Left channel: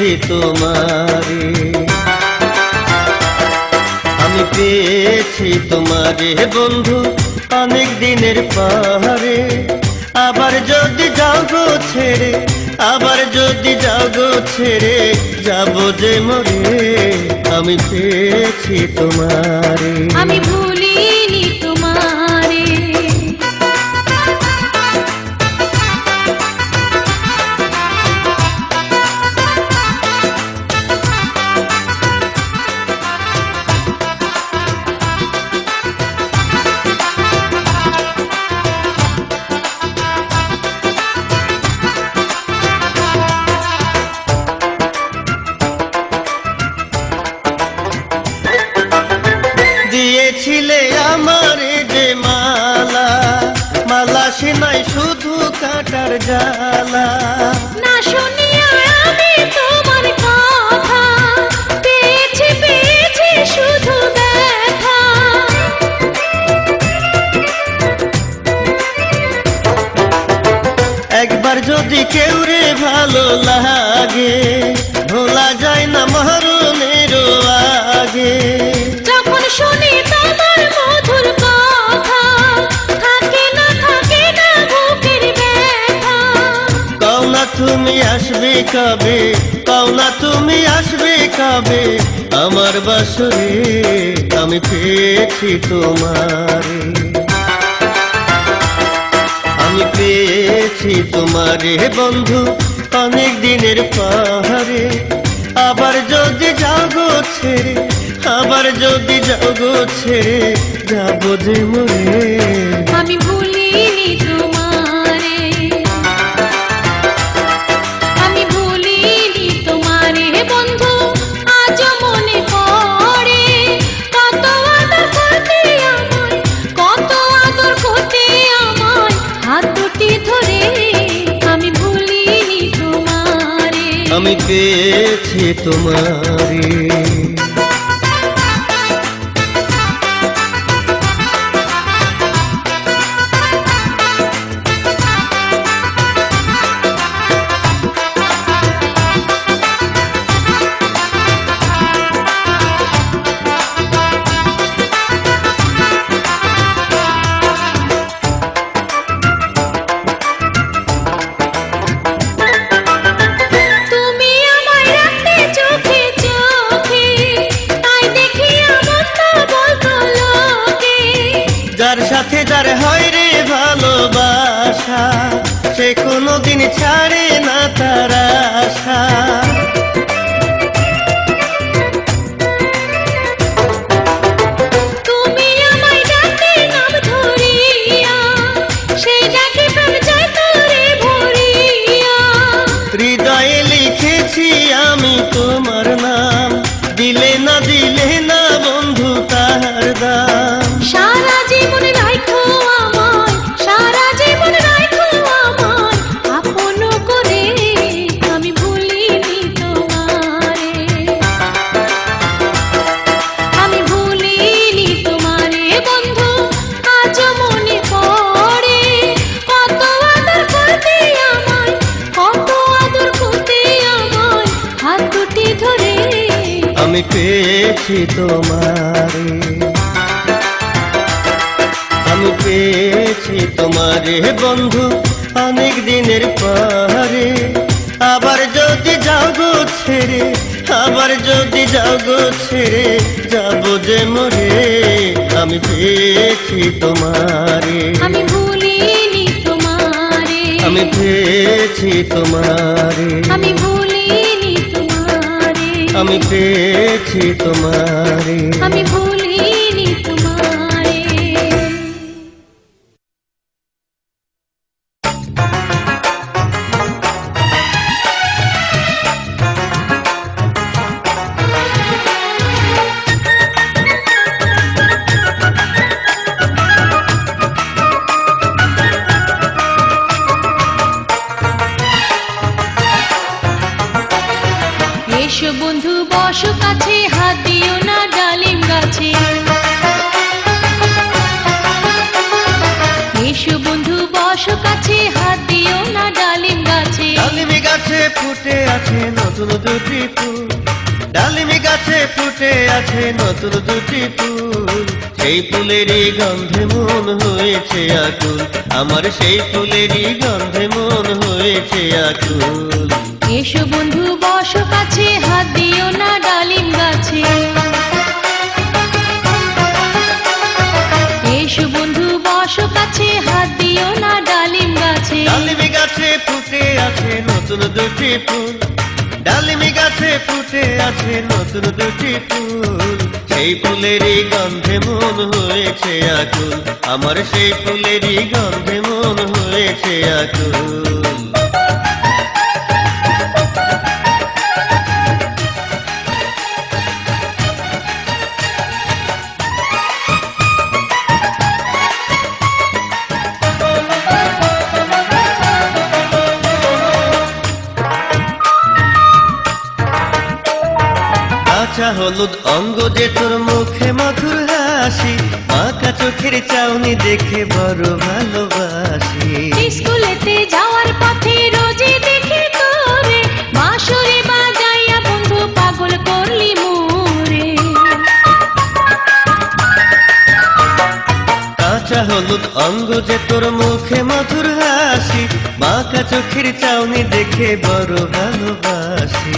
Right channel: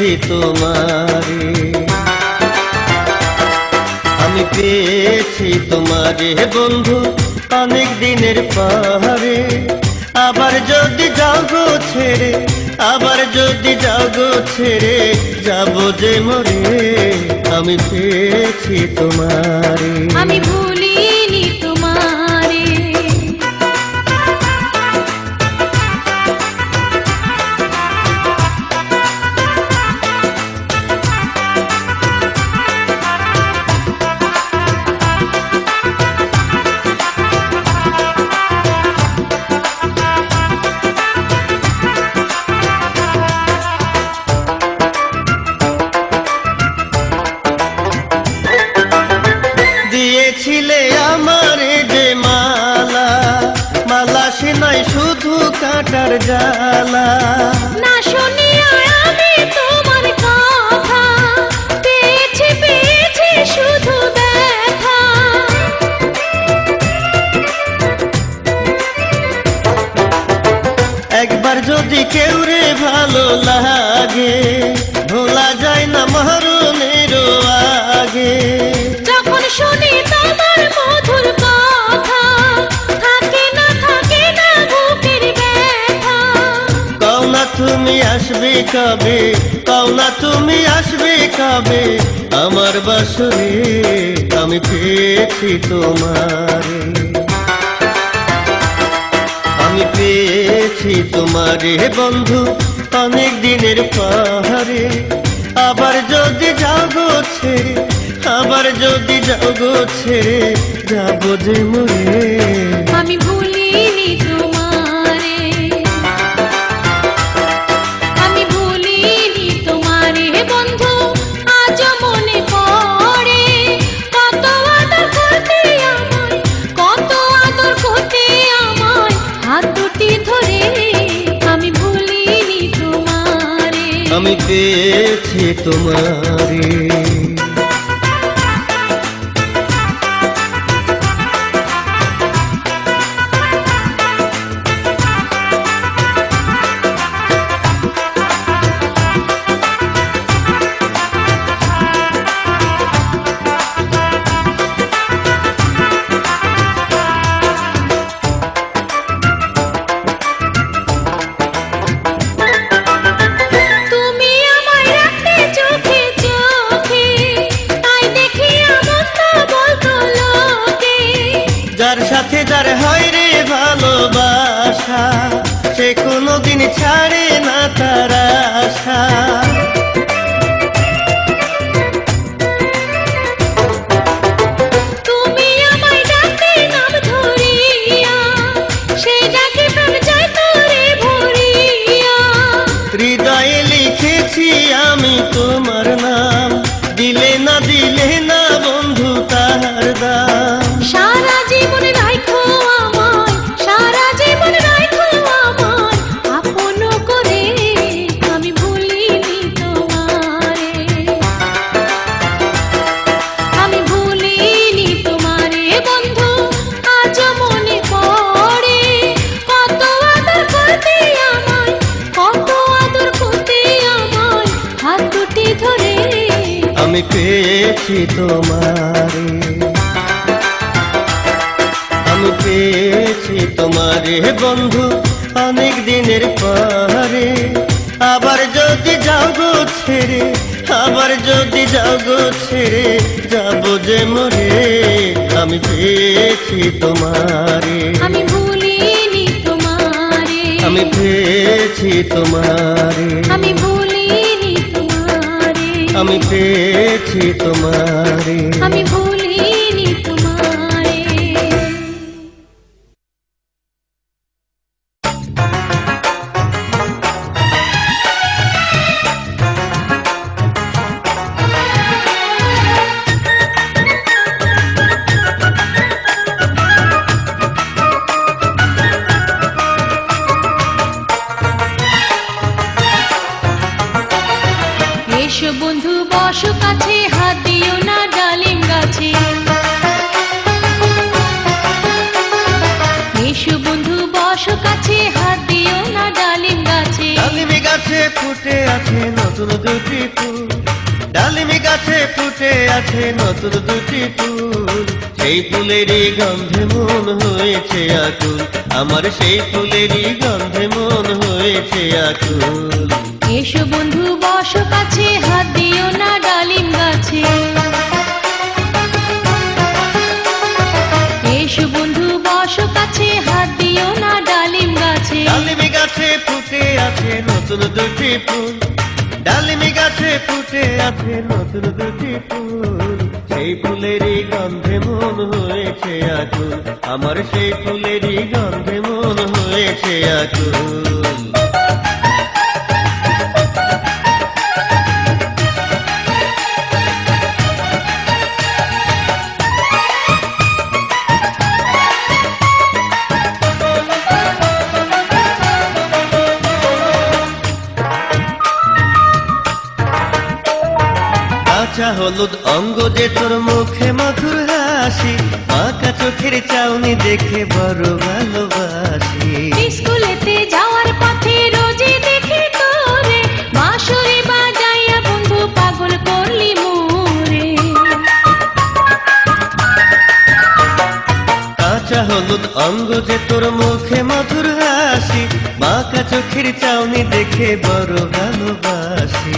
পেয়েছি তোমারে, আমি পেয়েছি তোমারে বন্ধু অনেক দিনের পাহাড়ে। আবার যদি যাও গো ছেড়ে, আবার যদি যাও গো ছেড়ে, যাবো যে মরে, আমি পেয়েছি তোমারে, আমি ভুলিনি তোমারে। দিয়েছিলে আমারে যে মালা, মালা সে নাই শুধু কাটার জ্বালা। না শুনিয়া আমি তোমার কথা, পেয়েছি পেয়েছি শুধু দেখা। একবার যদি কেউ রে ভালো লাগে, ভোলা যায় না মরণের আগে। যখন শুনি তোমার মধুর কথা, থাকে না বুকের ব্যথা। কও না তুমি আসবে কবে, কও না তুমি আসবে কবে আমার বাসরে, আমি পেয়েছি তোমারে, আমি পেয়েছি তোমারে বন্ধু অনেক দিনের পাহাড়ে। আবার যদি যাও গো ছেড়ে, আবার যদি যাও গো ছেড়ে, যাবো যে মরে, আমি ভুলিনি তোমারে, আমি ভুলিনি তোমারে বন্ধু। আজ মনে পড়ে কত আদর করতে আমায়, কত আদর করতে আমায়, হাত দুটি ধরে। আমি ভুলিনি তোমারে, আমি পেয়েছি তোমারে। তুমি আমায় রাখতে চোখে চোখে, তাই দেখি আমার তো বলতো লোকে। যার সাথে যার হয় রে ভালোবাসা, সে কোনোদিন ছাড়ে না তার আশা। তুমি আমায় ডাকতে নাম ধরিয়া, সেই ডাকে প্রাণ যায় তোরে ভরিয়া। হৃদয়ে লিখেছি আমি তোমার নাম, দিলে না বন্ধু তার দাম। সারা জীবন রাখো আমার, সারা জীবন রাখো আমার আপন করে। আমি ভুলিনি তোমারে, আমি ভুলিনি তোমারে বন্ধু। আজ মনে পড়ে কত আদর করতে আমায়, কত আদর করতে আমায়, হাত দুটি ধরে। আমি পেয়েছি তোমারে, আমি পেয়েছি তোমারে বন্ধু অনেক দিনের পাহাড়ে। আবার যদি যাও গো ছেড়ে, আবার যদি যাও গো ছেড়ে, যাবো যে মরে, আমি পেয়েছি তোমারে, আমি ভুলিনি তোমারে, আমি পেয়েছি তোমারে, আমি ভুলিনি তোমারে, আমি পেয়েছি তোমারে। আমি ভুলিনি তোমারে। এসো বন্ধু বসো কাছে, হাত দিও না ডালিম গাছে। এসো বন্ধু বসো কাছে, হাত দিও না ডালিম গাছে। গাছে ফুটে আছে নতুন দুটি ফুল, ডালিমি গাছে ফুটে আছে নতুন দুটি ফুল, সেই ফুলেরই গন্ধে মন হয়েছে আকুল, আমার সেই ফুলেরই গন্ধে মন হয়েছে আকুল। এসো বন্ধু বসো কাছে, হাত দিও না ডালিম গাছে। এসো বন্ধু বসো কাছে, হাত দিও না ডালিম গাছে। ডালিমি গাছে ফুটে আছে নতুন দুটি ফুল, ডালিমি গাছে ফুটে আছে নতুন দুটি ফুল, সেই ফুলেরই গন্ধে মন হয়েছে আকুল, আমার সেই ফুলেরই গন্ধে মন হয়েছে আকুল। কাঁচা হলুদ অঙ্গ যে তোর মুখে মধুর হাসি, মাথা চোখের চাউনি দেখে বড় ভালোবাসি। স্কুলেতে যাওয়ার পথে রোজই দেখি তোরে, বাঁশরি বাজাইয়া বন্ধু পাগল করলি মোরে। কাঁচা হলুদ অঙ্গ যে তোর মুখে মধুর হাসি, মাথা চোখের চাউনি দেখে বড় ভালোবাসি।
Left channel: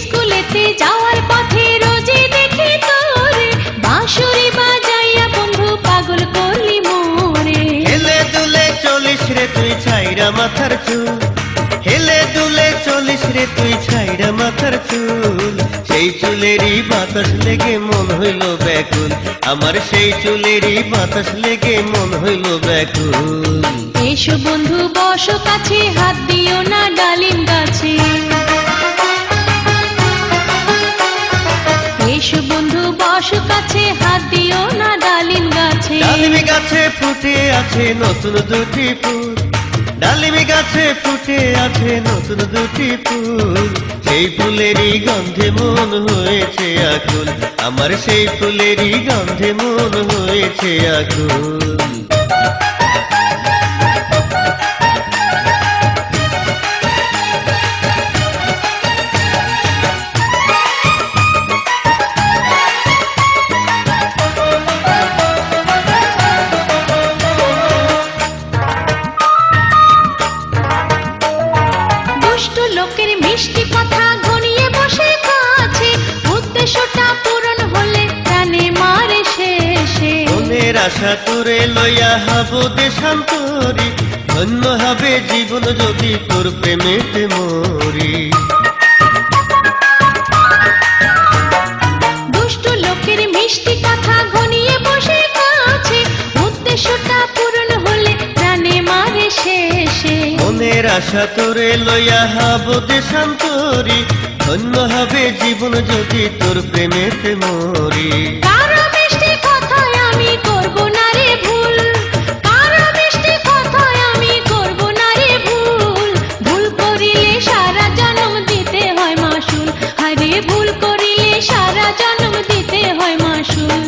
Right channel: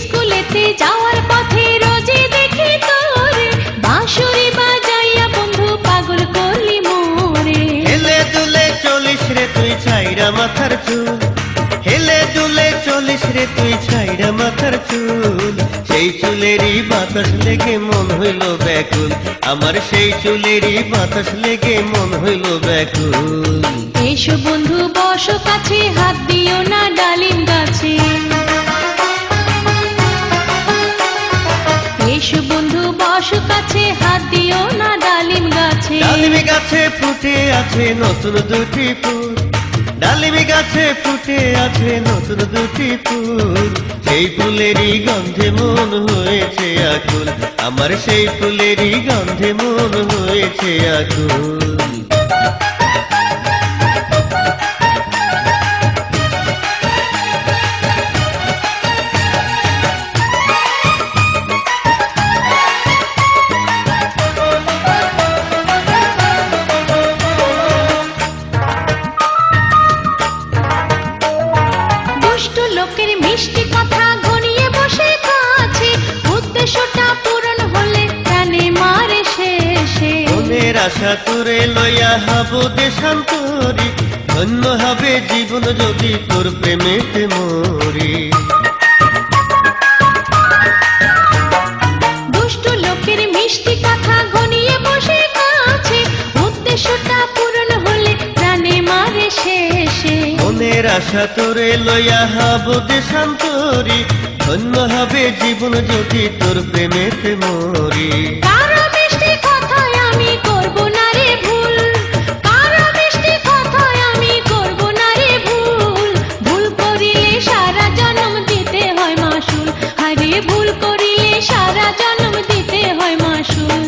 স্কুলেতে যাওয়ার পথে রোজই দেখি তোরে, বাঁশরি বাজাইয়া বন্ধু পাগল করলি মোরে। হেলে দুলে চলিস রে তুই ছাইরা মাথার চুল, হেলে দুলে চলিস রে তুই ছাইরা মাথার চুল, সেই চুলেরই বাতাস লেগে মন হইল ব্যাকুল, আমার সেই চুলেরই বাতাস লেগে মন হইল ব্যাকুল। এসো বন্ধু বসো কাছে, হাত দিও না ডালিম গাছে। এসো বন্ধু বসো কাছে, হাত দিও না ডালিম গাছে। ডালিমি গাছে ফুটে আছে নতুন দুটি ফুল, ডালিমি গাছে ফুটে আছে নতুন দুটি ফুল, সেই ফুলেরই গন্ধে মন হয়েছে আকুল, আমার সেই ফুলেরই গন্ধে মন হয়েছে আকুল। দুষ্ট লোকের মিষ্টি কথা ঘনিয়ে বসে কাছে, উদ্দেশ্যটা পূরণ হলে জানে মারে শেষে। মনের আশা তোরে লইয়া হব দেশান্তরি, ধন্য হবে জীবন যদি তোর প্রেমেতে মরি। দুষ্ট লোকের মিষ্টি কথা ঘনিয়ে বসে কাছে, উদ্দেশ্যটা পূরণ হলে জানে মারে শেষে। মনের আশা তোরে লইয়া হব দেশান্তরি, ধন্য হবে জীবন যদি তোর প্রেমেতে মরি। কারো মিষ্টি কথায় আমি করব না রে ভুল, কারো মিষ্টি কথায় আমি করব না রে ভুল, ভুল করিলে সারা জন্ম দিতে হয় মাসুল, আরে ভুল করিলে সারা জন্ম দিতে হয় মাসুল।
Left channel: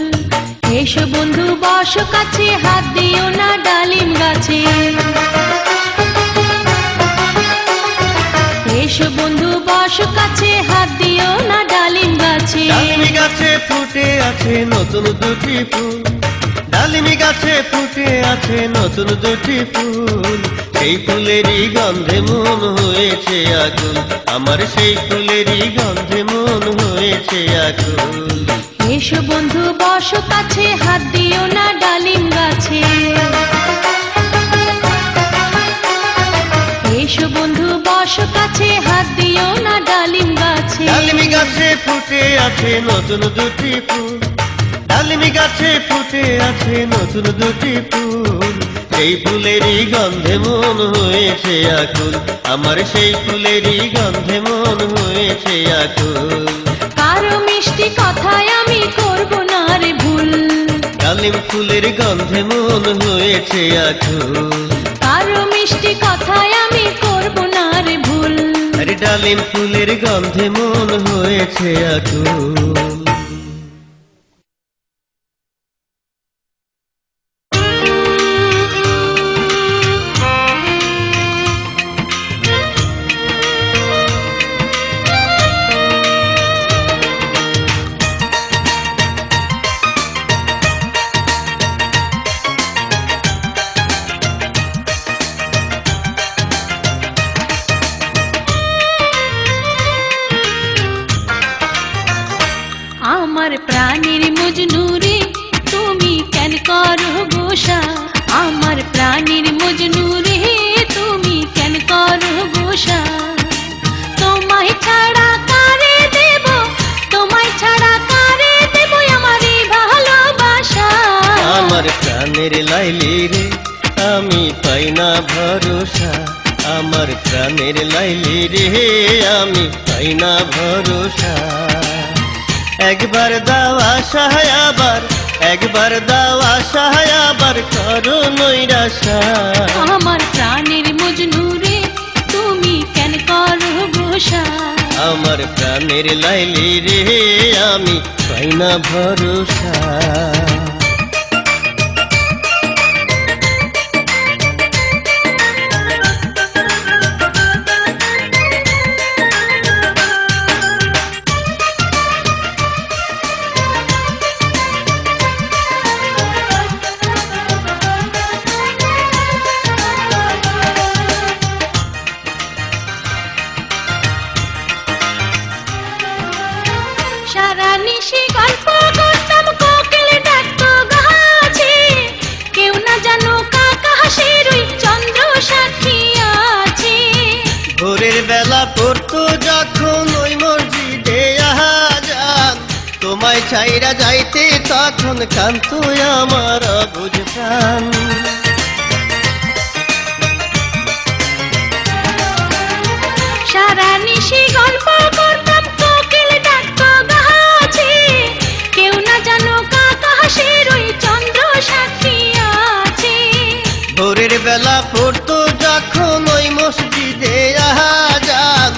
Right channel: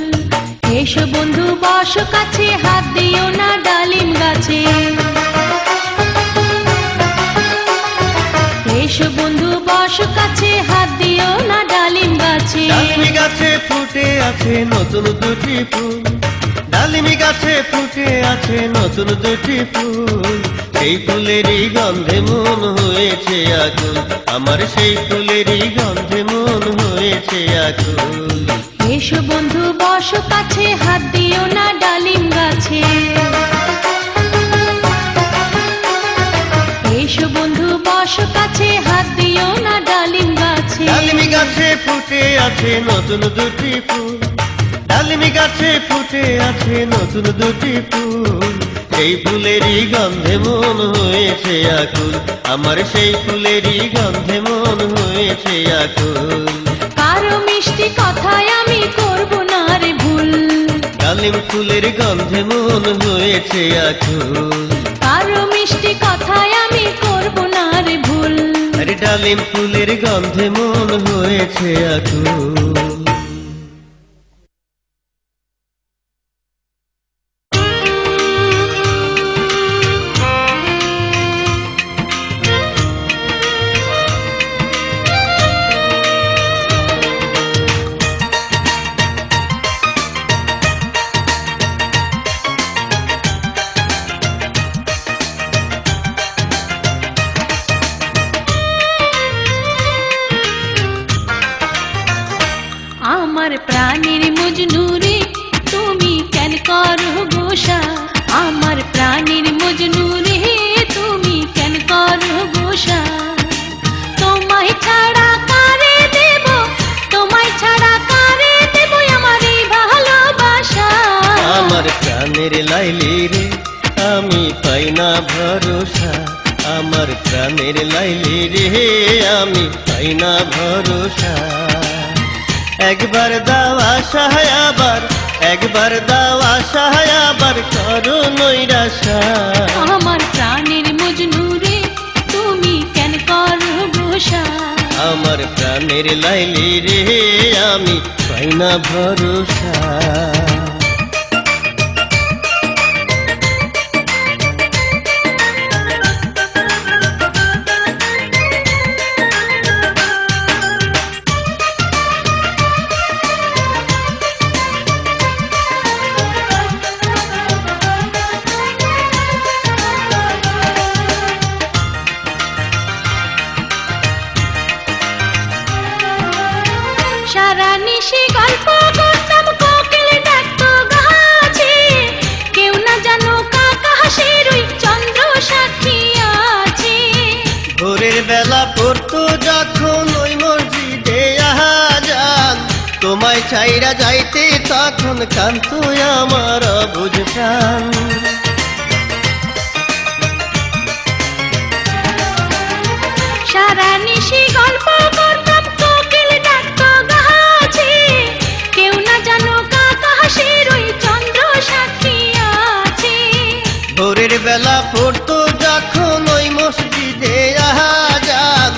এসো বন্ধু বসো কাছে, হাত দিও না ডালিম গাছে। এসো বন্ধু বসো কাছে, হাত দিও না ডালিম গাছে। ডালিমি গাছে ফুটে আছে নতুন দুটি ফুল, ডালিমি গাছে ফুটে আছে নতুন দুটি ফুল, সেই ফুলেরই গন্ধে মন হয়েছে আকুল, আমার সেই ফুলেরই গন্ধে মন হয়েছে আকুল। এসো বন্ধু বসো কাছে, হাত দিও না ডালিম গাছে। এসো বন্ধু বসো কাছে, হাত দিও না ডালিম গাছে। ডালিমি গাছে ফুটে আছে নতুন দুটি ফুল, ডালিমি গাছে ফুটে আছে নতুন দুটি ফুল, সেই ফুলেরই গন্ধে মন হয়েছে আকুল, আমার সেই ফুলেরই গন্ধে মন হয়েছে আকুল। কারো মিষ্টি কথায় আমি করব না রে ভুল, ডালিম ফুলের গন্ধে মন হয়েছে আকুল, কারো মিষ্টি কথায় আমি করব না রে ভুল। আরে ডালিম ফুলের গন্ধে মন হয়েছে আকুল। আমার প্রাণের মজনু রে তুমি কেন করো গোসা আমার প্রাণের মজনু রে তুমি কেন করো গোসা তোমায় ছাড়া কারে দেব তোমায় ছাড়া কারে দেব আমার এই ভালোবাসা আমার প্রাণের লাইলি রে আমি পাই না ভরসা আমার প্রাণের লাইলি রে আমি পাই না ভরসা একবার দাও আশা আবার একবার দাও আশা আবার করো নৈরাশা আমার প্রাণের মজনু রে তুমি কেন করো গোসা আমার প্রাণের লাইলি রে আমি পাই না ভরসা সারা নিশি গল্প করতাম কোকিল ডাকতো গাছে কেউ না জানো কাকা হাসির ওই চন্দ্র সাক্ষী আছে ভোরের বেলা পড়তো যখন ওই মসজিদে আজান তোমায় চাইরা যাইতে তখন কান্ত আমার অবুঝ প্রাণ সারা নিশি গল্প করতাম কোকিল ডাকতো গাছে কেউ না জানো কাকা হাসির ওই চন্দ্র সাক্ষী আছে ভোরের বেলা পড়তো যখন ওই মসজিদে আজান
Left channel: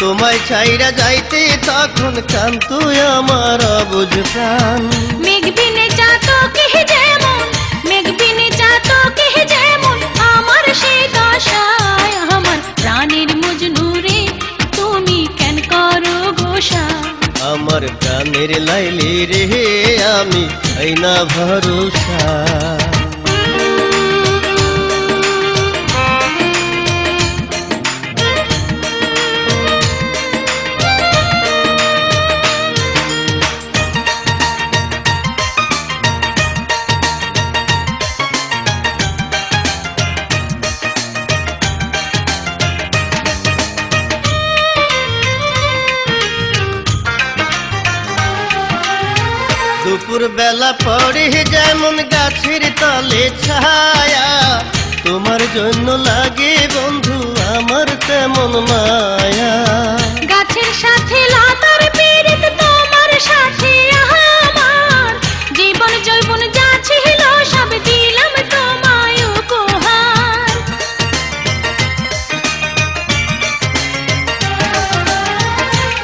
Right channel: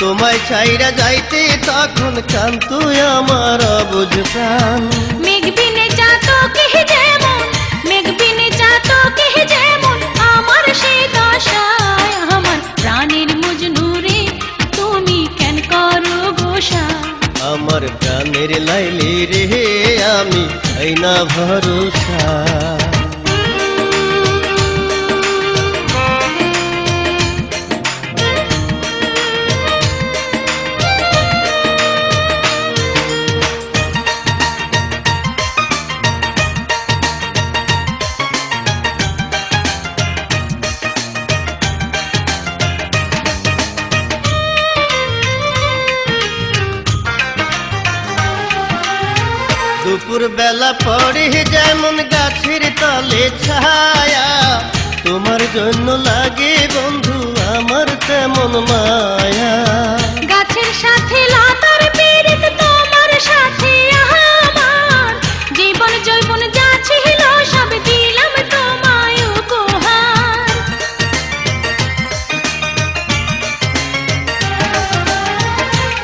তোমায় চাইরা যাইতে তখন কান্ত আমার অবুঝ প্রাণ মেঘবিনে চাতকে যেমন মেঘবিনে চাতকে যেমন আমার সেই দশায় আমার প্রাণের মজনু রে তুমি কেন করো গোসা আমার প্রাণের লাইলি রে আমি পাই না ভরসা দুপুর বেলা পড়ে যেমন গাছের তলে ছায়া তোমার জন্য লাগে বন্ধু আমার তেমন মায়া গাছের সাথে লতার পীড়িত তোমার সাথে আমার জীবন যৌবন যা ছিল সব দিলাম তোমায় উপহার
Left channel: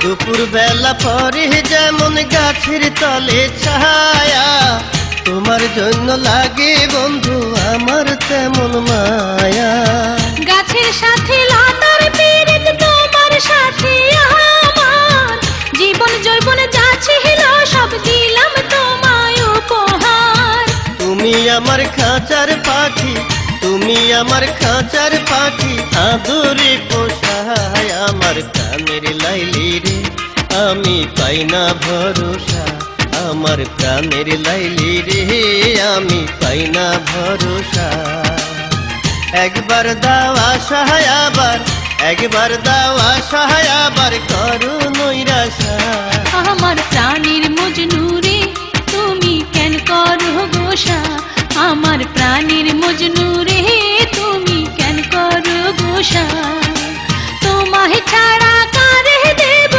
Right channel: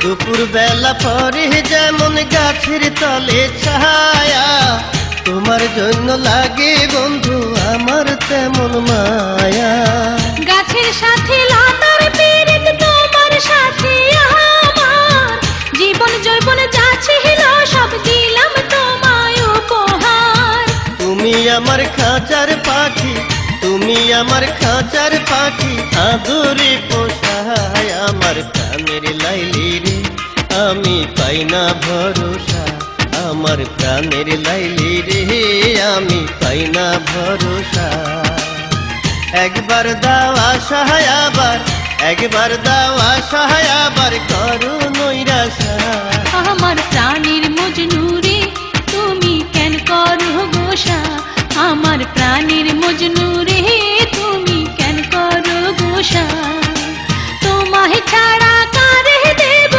দুপুর বেলা পরে যেমন গাছের তলে ছায়া তোমার জন্য লাগে বন্ধু আমার তেমন মায়া গাছের সাথে লতার পীড়িত তোমার সাথে আমার জীবন যৌবন যা ছিল সব দিলাম তোমায় উপহার তুমি আমার খাঁচার পাখি তুমি আমার খাঁচার পাখি আদরে পোষায় আমার প্রাণের লাইলি রে আমি পাই না ভরসা আমার প্রাণের লাইলি রে আমি পাই না ভরসা একবার দাও আশা আবার একবার দাও আশা আবার করো নৈরাশা আমার প্রাণের মজনু রে তুমি কেন করো গোসা আমার প্রাণের মজনু রে তুমি কেন করো গোসা তোমায় ছাড়া কারে দেব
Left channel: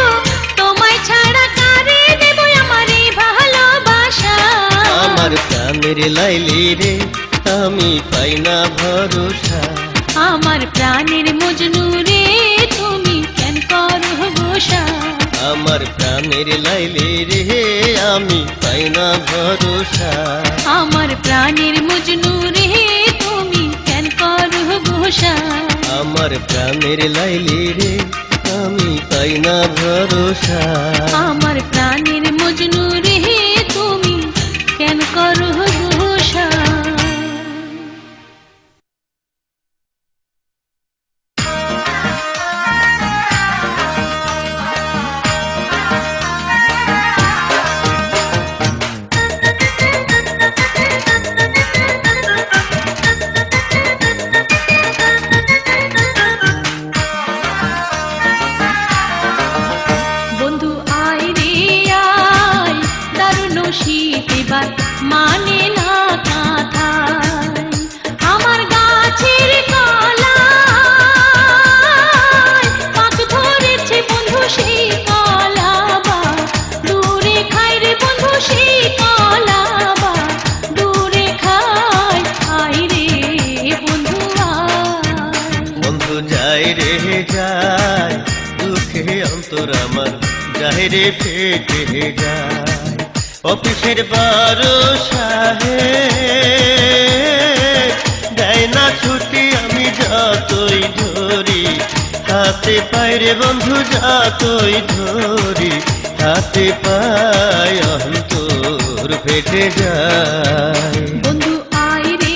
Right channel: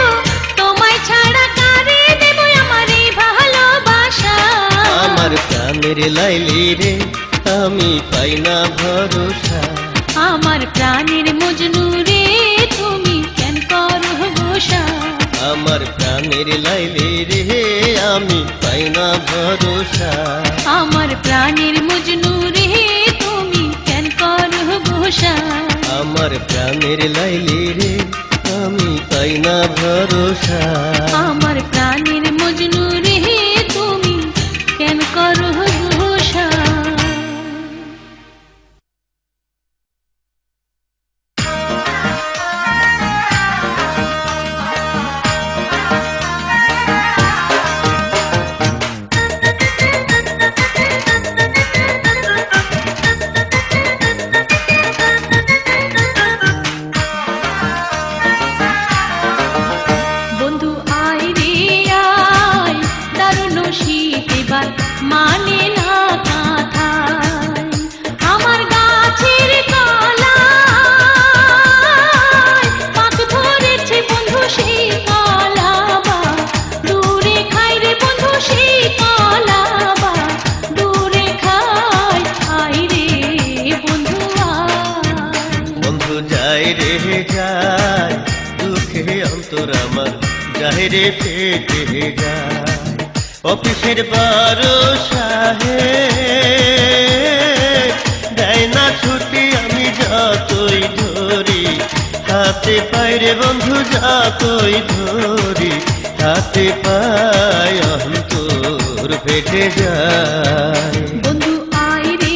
তোমায় ছাড়া কারে দেব আমার এই ভালোবাসা আমার প্রাণের লাইলি রে আমি পাই না ভরসা আমার প্রাণের মজনু রে তুমি কেন করো গোসা আমার প্রাণের লাইলি রে আমি পাই না ভরসা আমার প্রাণের মজনু রে তুমি কেন করো গোসা আমার প্রাণের লাইলি রে আমি পাই না ভরসা আমার প্রাণের মজনু রে তুমি কেন করো গোসা যায়। অফিসের বারো সাহেব দেয় না ছুটি, আমি যতই ধরি হাতে পাই রে বন্ধু, যতই ধরি হাতে পাই অন্তর ফেটে যায়। বন্ধু আয় রে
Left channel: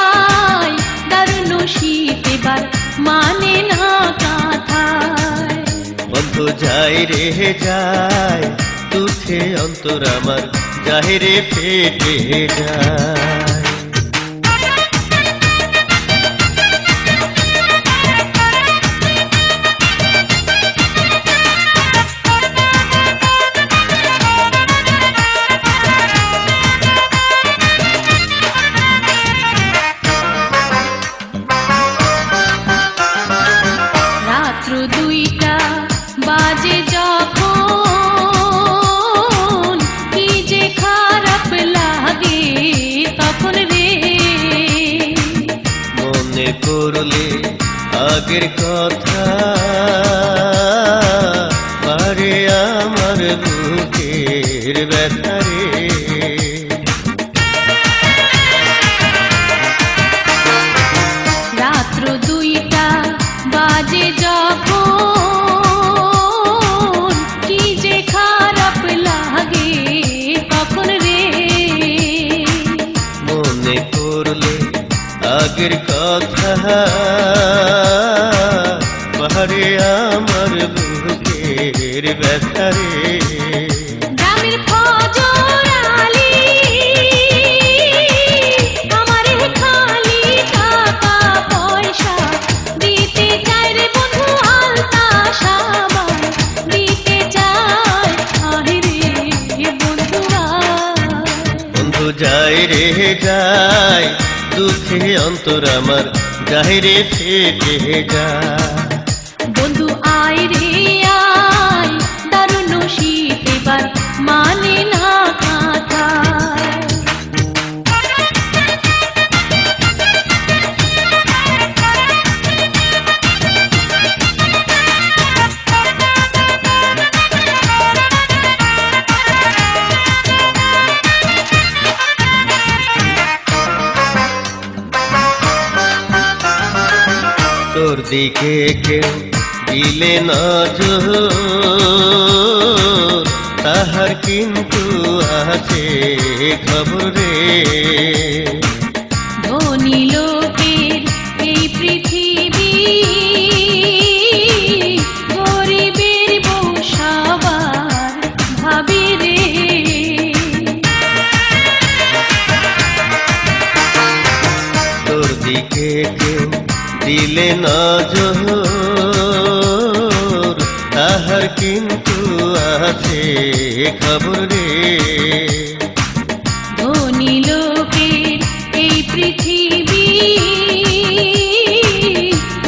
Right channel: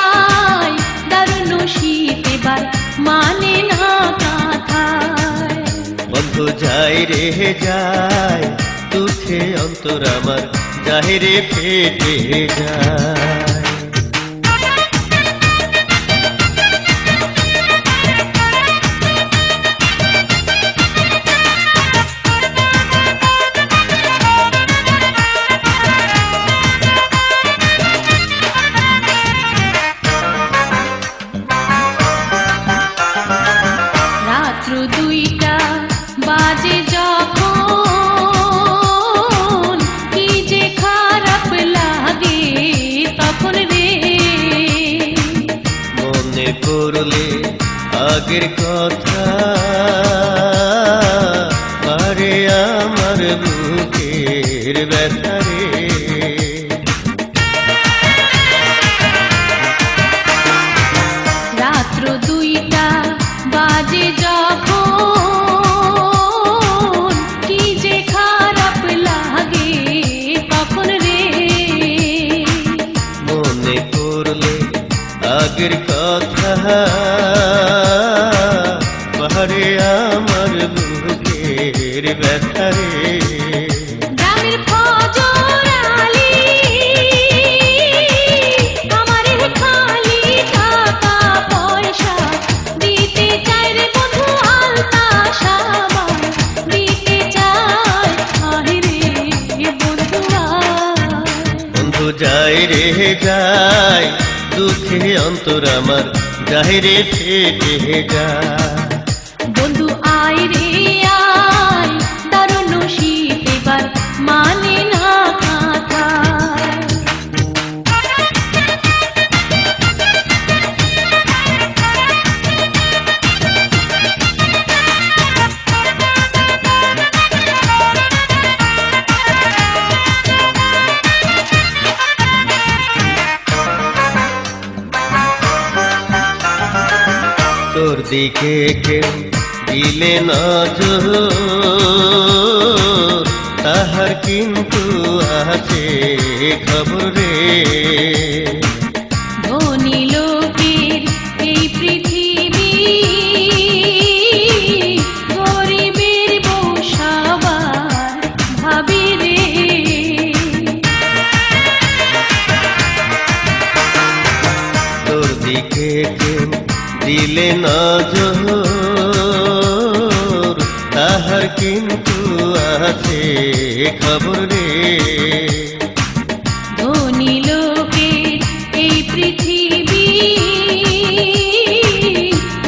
আয়, দারুণ শীত এবার মানে না কথায়। বন্ধু যাই রে যায়, দুঃখে অন্তর আমার যায় রে ফেটে যায়। রাত্র 2টা বাজে যখন, কি যে খারাপ লাগে তখন রে। মনে পড়লে আগের কথা, আরে আমার বুকের ব্যথা রে। রাত্র 2টা বাজে যখন, কি যে খারাপ লাগে তখন রে। মনে পড়লে আগের কথা, আরে আমার বুকের ব্যথা রে। গ্রামের ফজর আলী আমার খালি টাকা পয়সা দিতে চায় রে বন্ধু, আলতা সাবান দিতে চায়। আহে রে বন্ধু আয়। বন্ধু যাই রে যায়, দুঃখে অন্তর আমার যায় রে ফেটে যায়। বন্ধু আয় রে আয়, দারুণ শীত এবার মানে না কথায়। তোর দিকে কেউ দিলে নজর, তাহার কিন্তু আছে খবরে। ধনী লোকের এই পৃথিবী, গরিবের বউ সবার ভাবি রে। তোর দিকে কেউ দিলে নজর, তাহার কিন্তু আছে খবরে। ধনী লোকের এই পৃথিবী,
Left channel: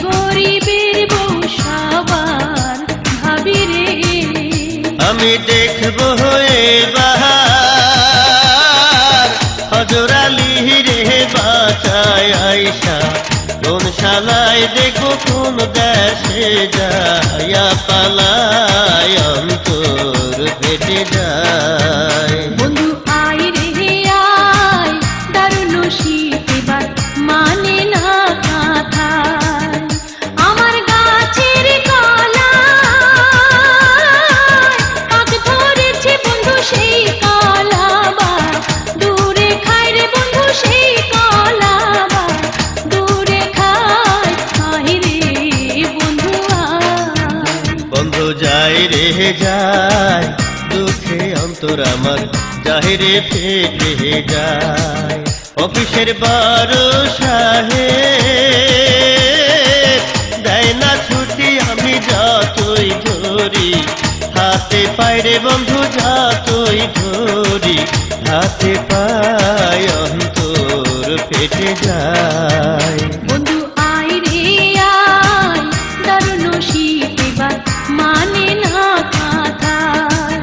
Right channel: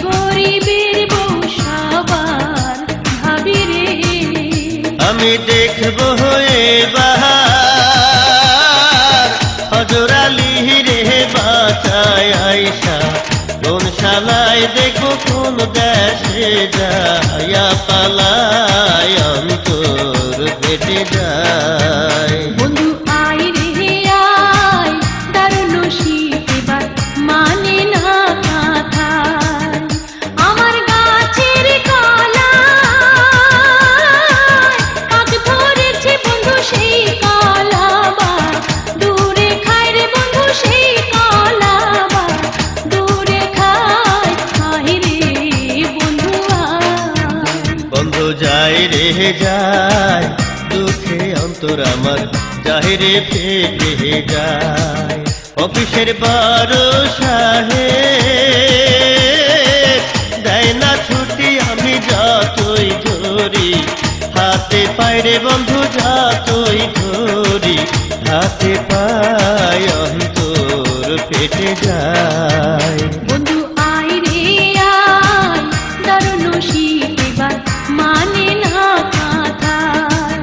গরিবের বউ সবার ভাবি রে। আমি দেখবো এবার হজর আলী রে বাঁচায় আইসা, কোন শালায় দেখবো কোন দেশে যায়া পালায় অন্তর ফেটে যায়। বন্ধু আয় রে আয়, দারুণ শীত এবার মানে না কথায়। আমার গাছের কলা আগ ধরেছে বন্ধু, সেই কলা বা দূরে খায় রে বন্ধু, সেই কলা বা দূরে খায়। আয় রে বন্ধু আয়। বন্ধু যাই রে যায়, দুঃখে অন্তর আমার যায় রে ফেটে যায়। অফিসের বারো সাহেব দেয় না ছুটি, আমি যতই ধরি হাতে পাই রে বন্ধু, যতই ধরি হাতে পাই অন্তর ফেটে যায়। বন্ধু আয় রে আয়, দারুণ শীত এবার মানে না কথায়।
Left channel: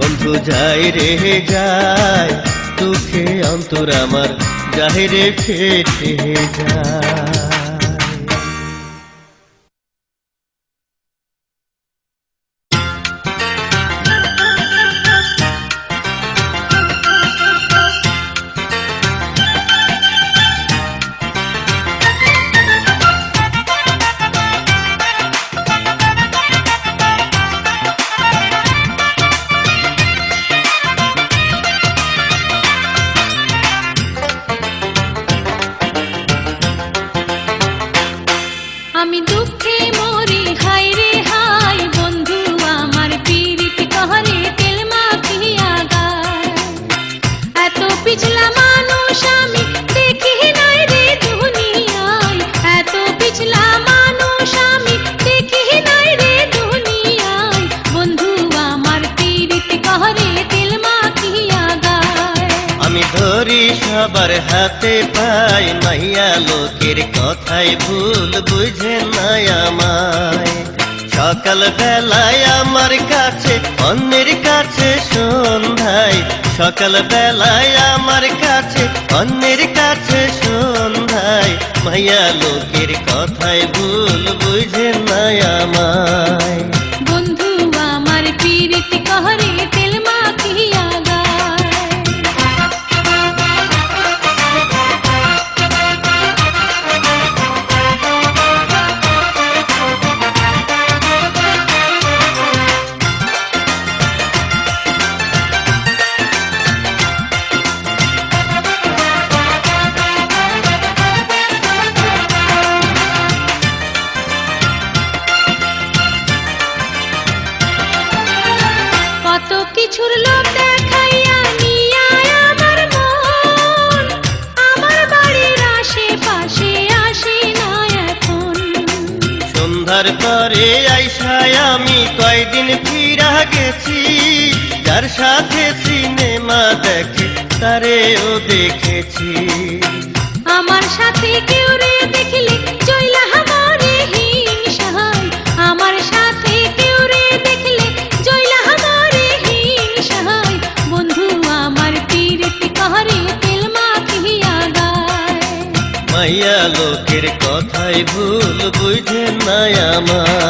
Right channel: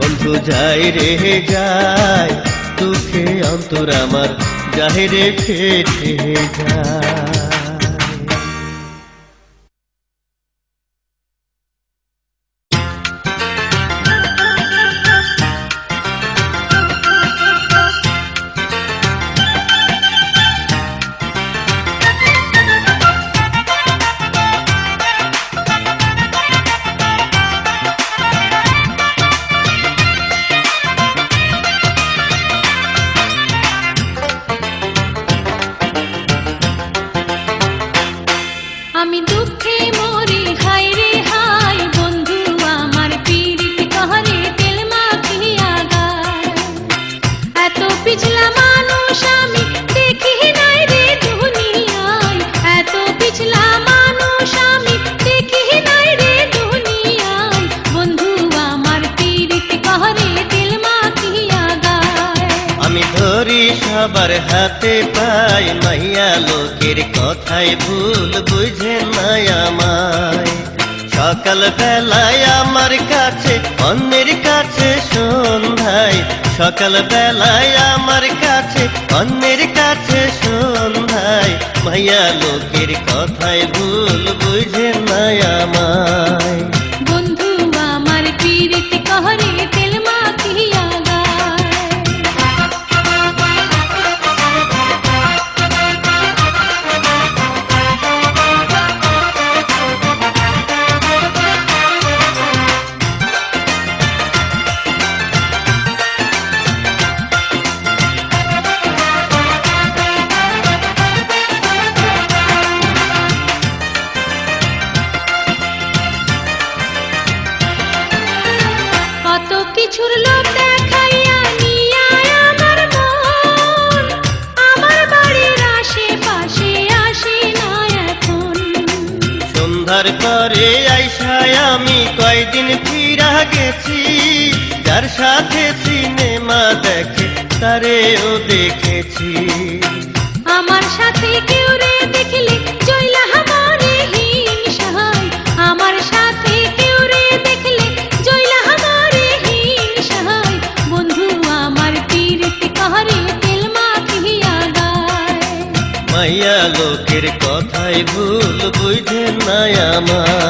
বন্ধু যাই রে যায়, দুঃখে অন্তর আমার যায় রে ফেটে যায়। ধরি সবার হাতে পাই, মাইয়া লোকের কথাই ভুল বুঝে না আমায়। সকাল বেলায় আমার কাছে, অন্যের কাছে সন্ধ্যায়, সকাল বেলায় আমার কাছে, অন্যের কাছে সন্ধ্যায়, মাইয়া লোকের কথাই ভুল বুঝে না আমায়। বন্ধু আমার পীড়িত कहरे तेल माखिया गाय। কত কিছুর লোভ দেখাইয়া নিয়া আমার মন, আমার বাড়ির আশেপাশে আসে না এখন। সন্ধ্যার পরে আইসায় আমি কয়দিন ফিরা গেছি, যার সাথে সিনেমা দেখে তারেও দেখেছি। আমার সাথে কেউ রে দেখলে জয়লা আমারে হিংসায়, আমার সাথে কেউ রে দেখলে জয়লা আমারে হিংসায়। বন্ধু আমার পীড়িত कहरे তেল মাখিয়া গায়। মাইয়া লোকের কথাই ভুল বুঝে না আমায়।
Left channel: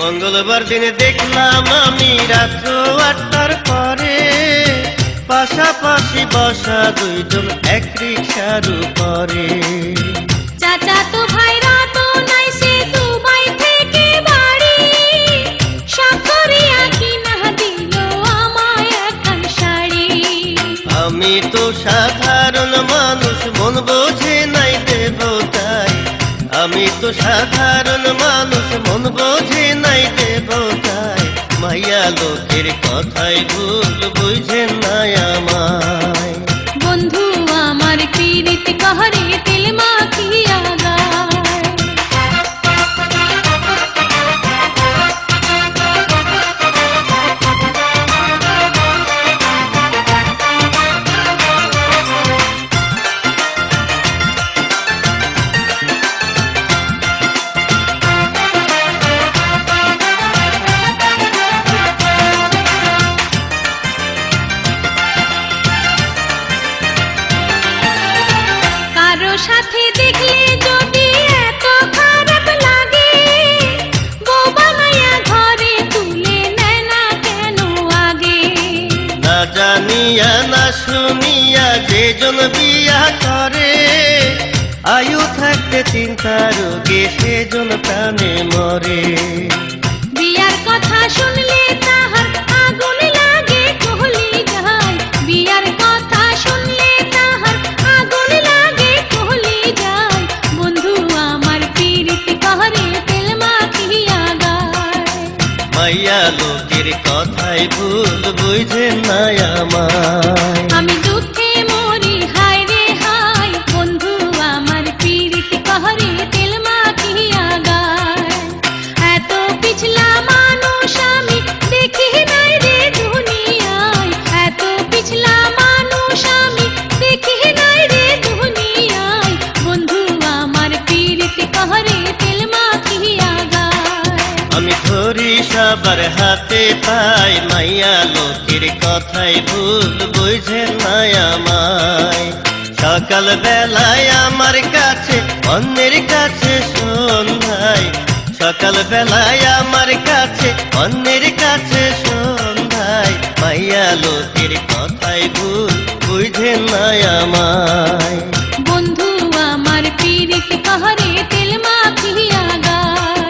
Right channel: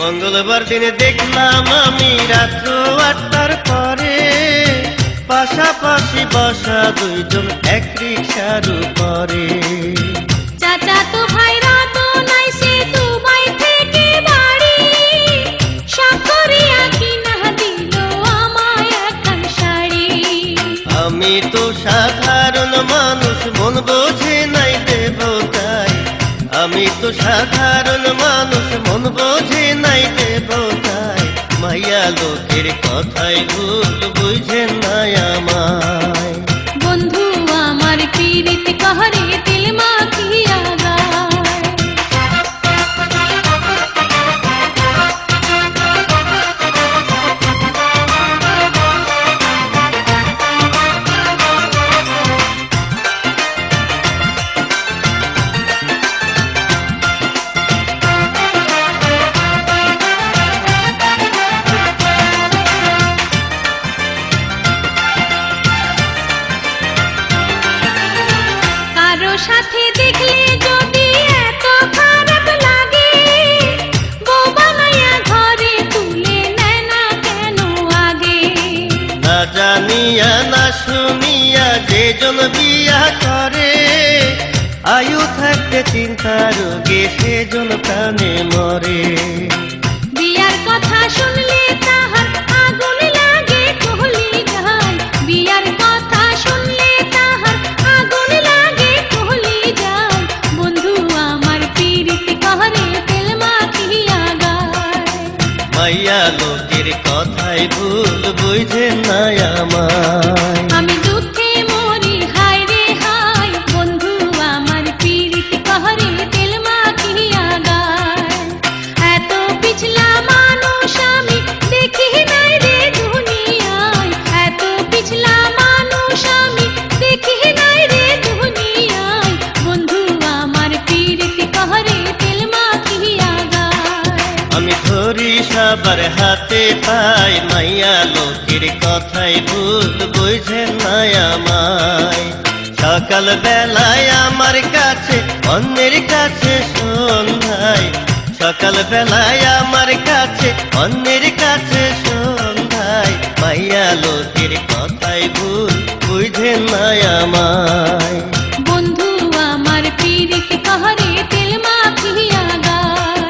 মঙ্গলবার দিনে দেখলাম আমি রাত্র 8টার পরে, পাশাপাশি বসা দুইজন এক রিকশার উপরে। চাচা তো ভাইরা তো নাই সে দুবাই থেকে বাড়ি, সাকরিয়া কিনা দিল আমায় একখান শাড়ি। আমি তো সাধারণ মানুষ, মন বোঝে নাই দেবতাই। আমি তো সাধারণ মানুষ, মন বোঝে নাই দেবতাই। মাইয়া লোকের কথাই ভুল বুঝে না আমায়। বন্ধু আমার পীড়িত कहरे তেল মাখিয়া গায়। কারো সাথে দেখলে যদি এত খারাপ লাগে, বউ বানাইয়া ঘরে তুলে নেয় না কেন আগে। না জানিয়া না শুনিয়া যেজন বিয়া করে, আয়ু থাকতে চিন্তা রোগে সেজন প্রাণে মরে। বিয়ার কথা শুনলে তাহার আগুন লাগে কহলি জাল, বিয়ার কথা শুনলে তাহার আগুন লাগে কহলি জাল। বন্ধু আমার পীড়িত कहरे তেল মাখিয়া গায়। মাইয়া লোকের কথাই ভুল বুঝে না আমায়। আমি দুঃখে মরি হায় রে হায়, বন্ধু আমার পীড়িত कहरे তেল মাখিয়া গায়। এত পিছলা মানুষ আমি দেখি নাই রে দুনিয়ায়, এত পিছলা মানুষ আমি দেখি নাই রে দুনিয়ায়। বন্ধু আমার পীড়িত कहरे তেল মাখিয়া গায়। আমি ধরি সবার হাতে পাই, মাইয়া লোকের কথাই ভুল বুঝে না আমায়। সকাল বেলায় আমার কাছে, অন্যের কাছে সন্ধ্যায়, সকাল বেলায় আমার কাছে, অন্যের কাছে সন্ধ্যায়, মাইয়া লোকের কথাই ভুল বুঝে না আমায়। বন্ধু আমার পীড়িত कहरे তেল মাখিয়া গায়।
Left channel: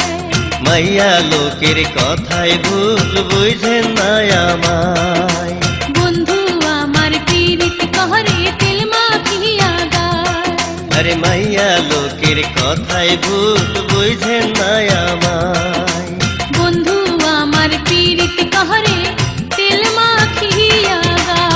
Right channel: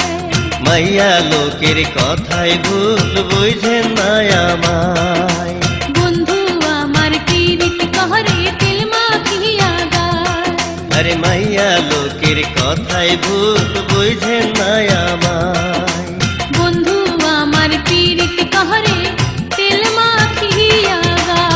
মাইয়া লোকের কথাই ভুল বুঝে না আমায়। বন্ধু আমার পীড়িত कहरे তেল মাখিয়া গায়। আরে মাইয়া ভাই ভূত বুঝেন না আমায়। বন্ধু আমার পীড়িত কাহারে তেল মাখিয়া গায়।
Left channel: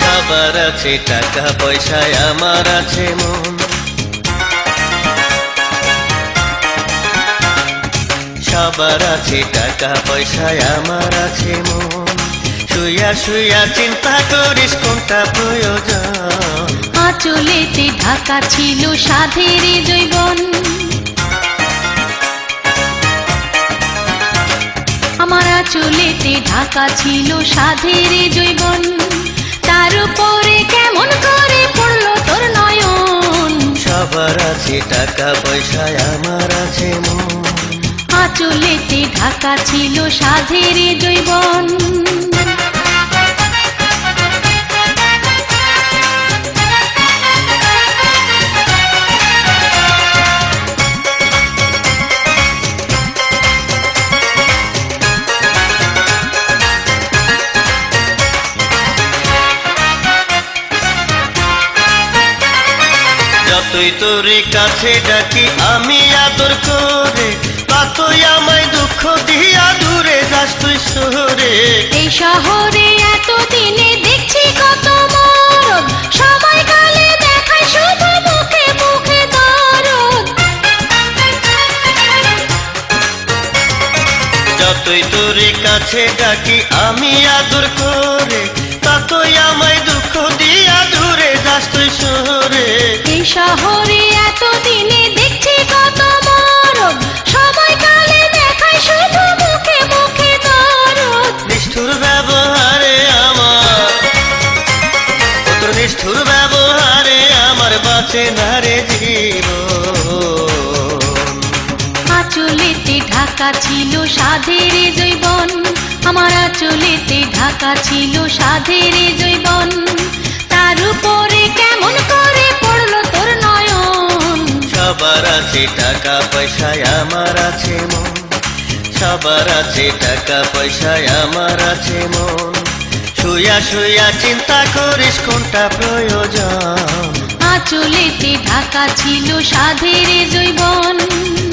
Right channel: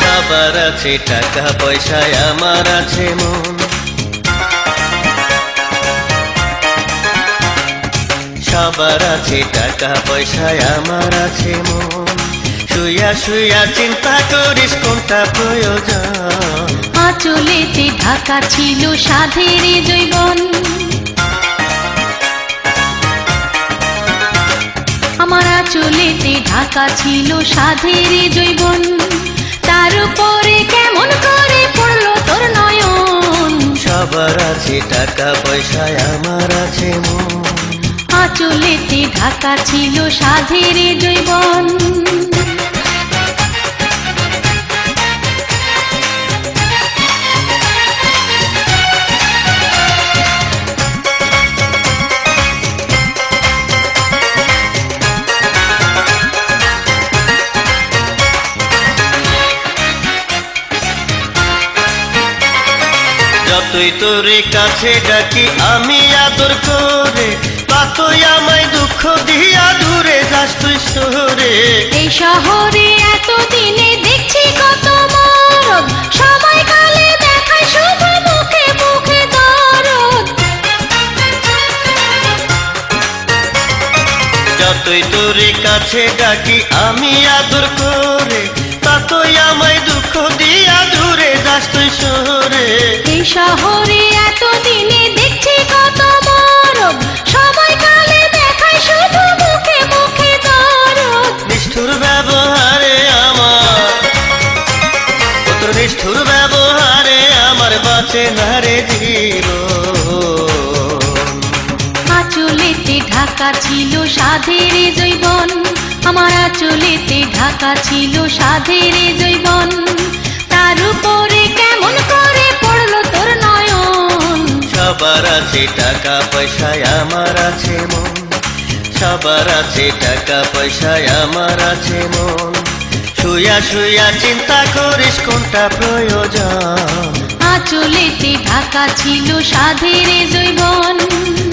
সবার আছে টাকা পয়সায়, আমার আছে মন। সবার আছে টাকা পয়সায়, আমার আছে মন। শুইয়া শুইয়া চিন্তা করিস কোনটা প্রয়োজন। আঁচলেতে ঢাকা ছিল সাধের জৈবন, আমার আঁচলেতে ঢাকা ছিল সাধের জৈবন। তার উপরে কেমন করে পড়লো তোর নয়ন। সবার আছে টাকা পয়সায়, আমার আছে মন। আঁচলেতে ঢাকা ছিল সাধের জৈবন। যতই তোর কাছে ডাকি আমি আদর করে, ততই আমায় দুঃখ দিয়া দূরে যাস তুই শহরে। এই শহরে এতদিনে দেখছি কত মরদ, সবাই কালে দেখায় শুধু মুখে মুখে দরদ। যতই তোর কাছে ডাকি আমি আদর করে, ততই আমায় দুঃখ দিয়া দূরে যাস তুই শহরে। এই শহরে এতদিনে দেখছি কত মরদ, সবাই কালে দেখায় শুধু মুখে মুখে দরদ। নিষ্ঠুর ব্যবহারে আমার, তোর নিষ্ঠুর ব্যবহারে আমার বাঁচে না রে জীবন। আঁচলেতে ঢাকা ছিল সাধের জৈবন, আমার আঁচলেতে ঢাকা ছিল সাধের জৈবন। তার উপরে কেমন করে পড়লো তোর নয়ন। সবার আছে টাকা পয়সায়, আমার আছে মন। সবার আছে টাকা পয়সায়, আমার আছে মন। শুইয়া শুইয়া চিন্তা করিস কোনটা প্রয়োজন। আঁচলেতে ঢাকা ছিল সাধের জৈবন।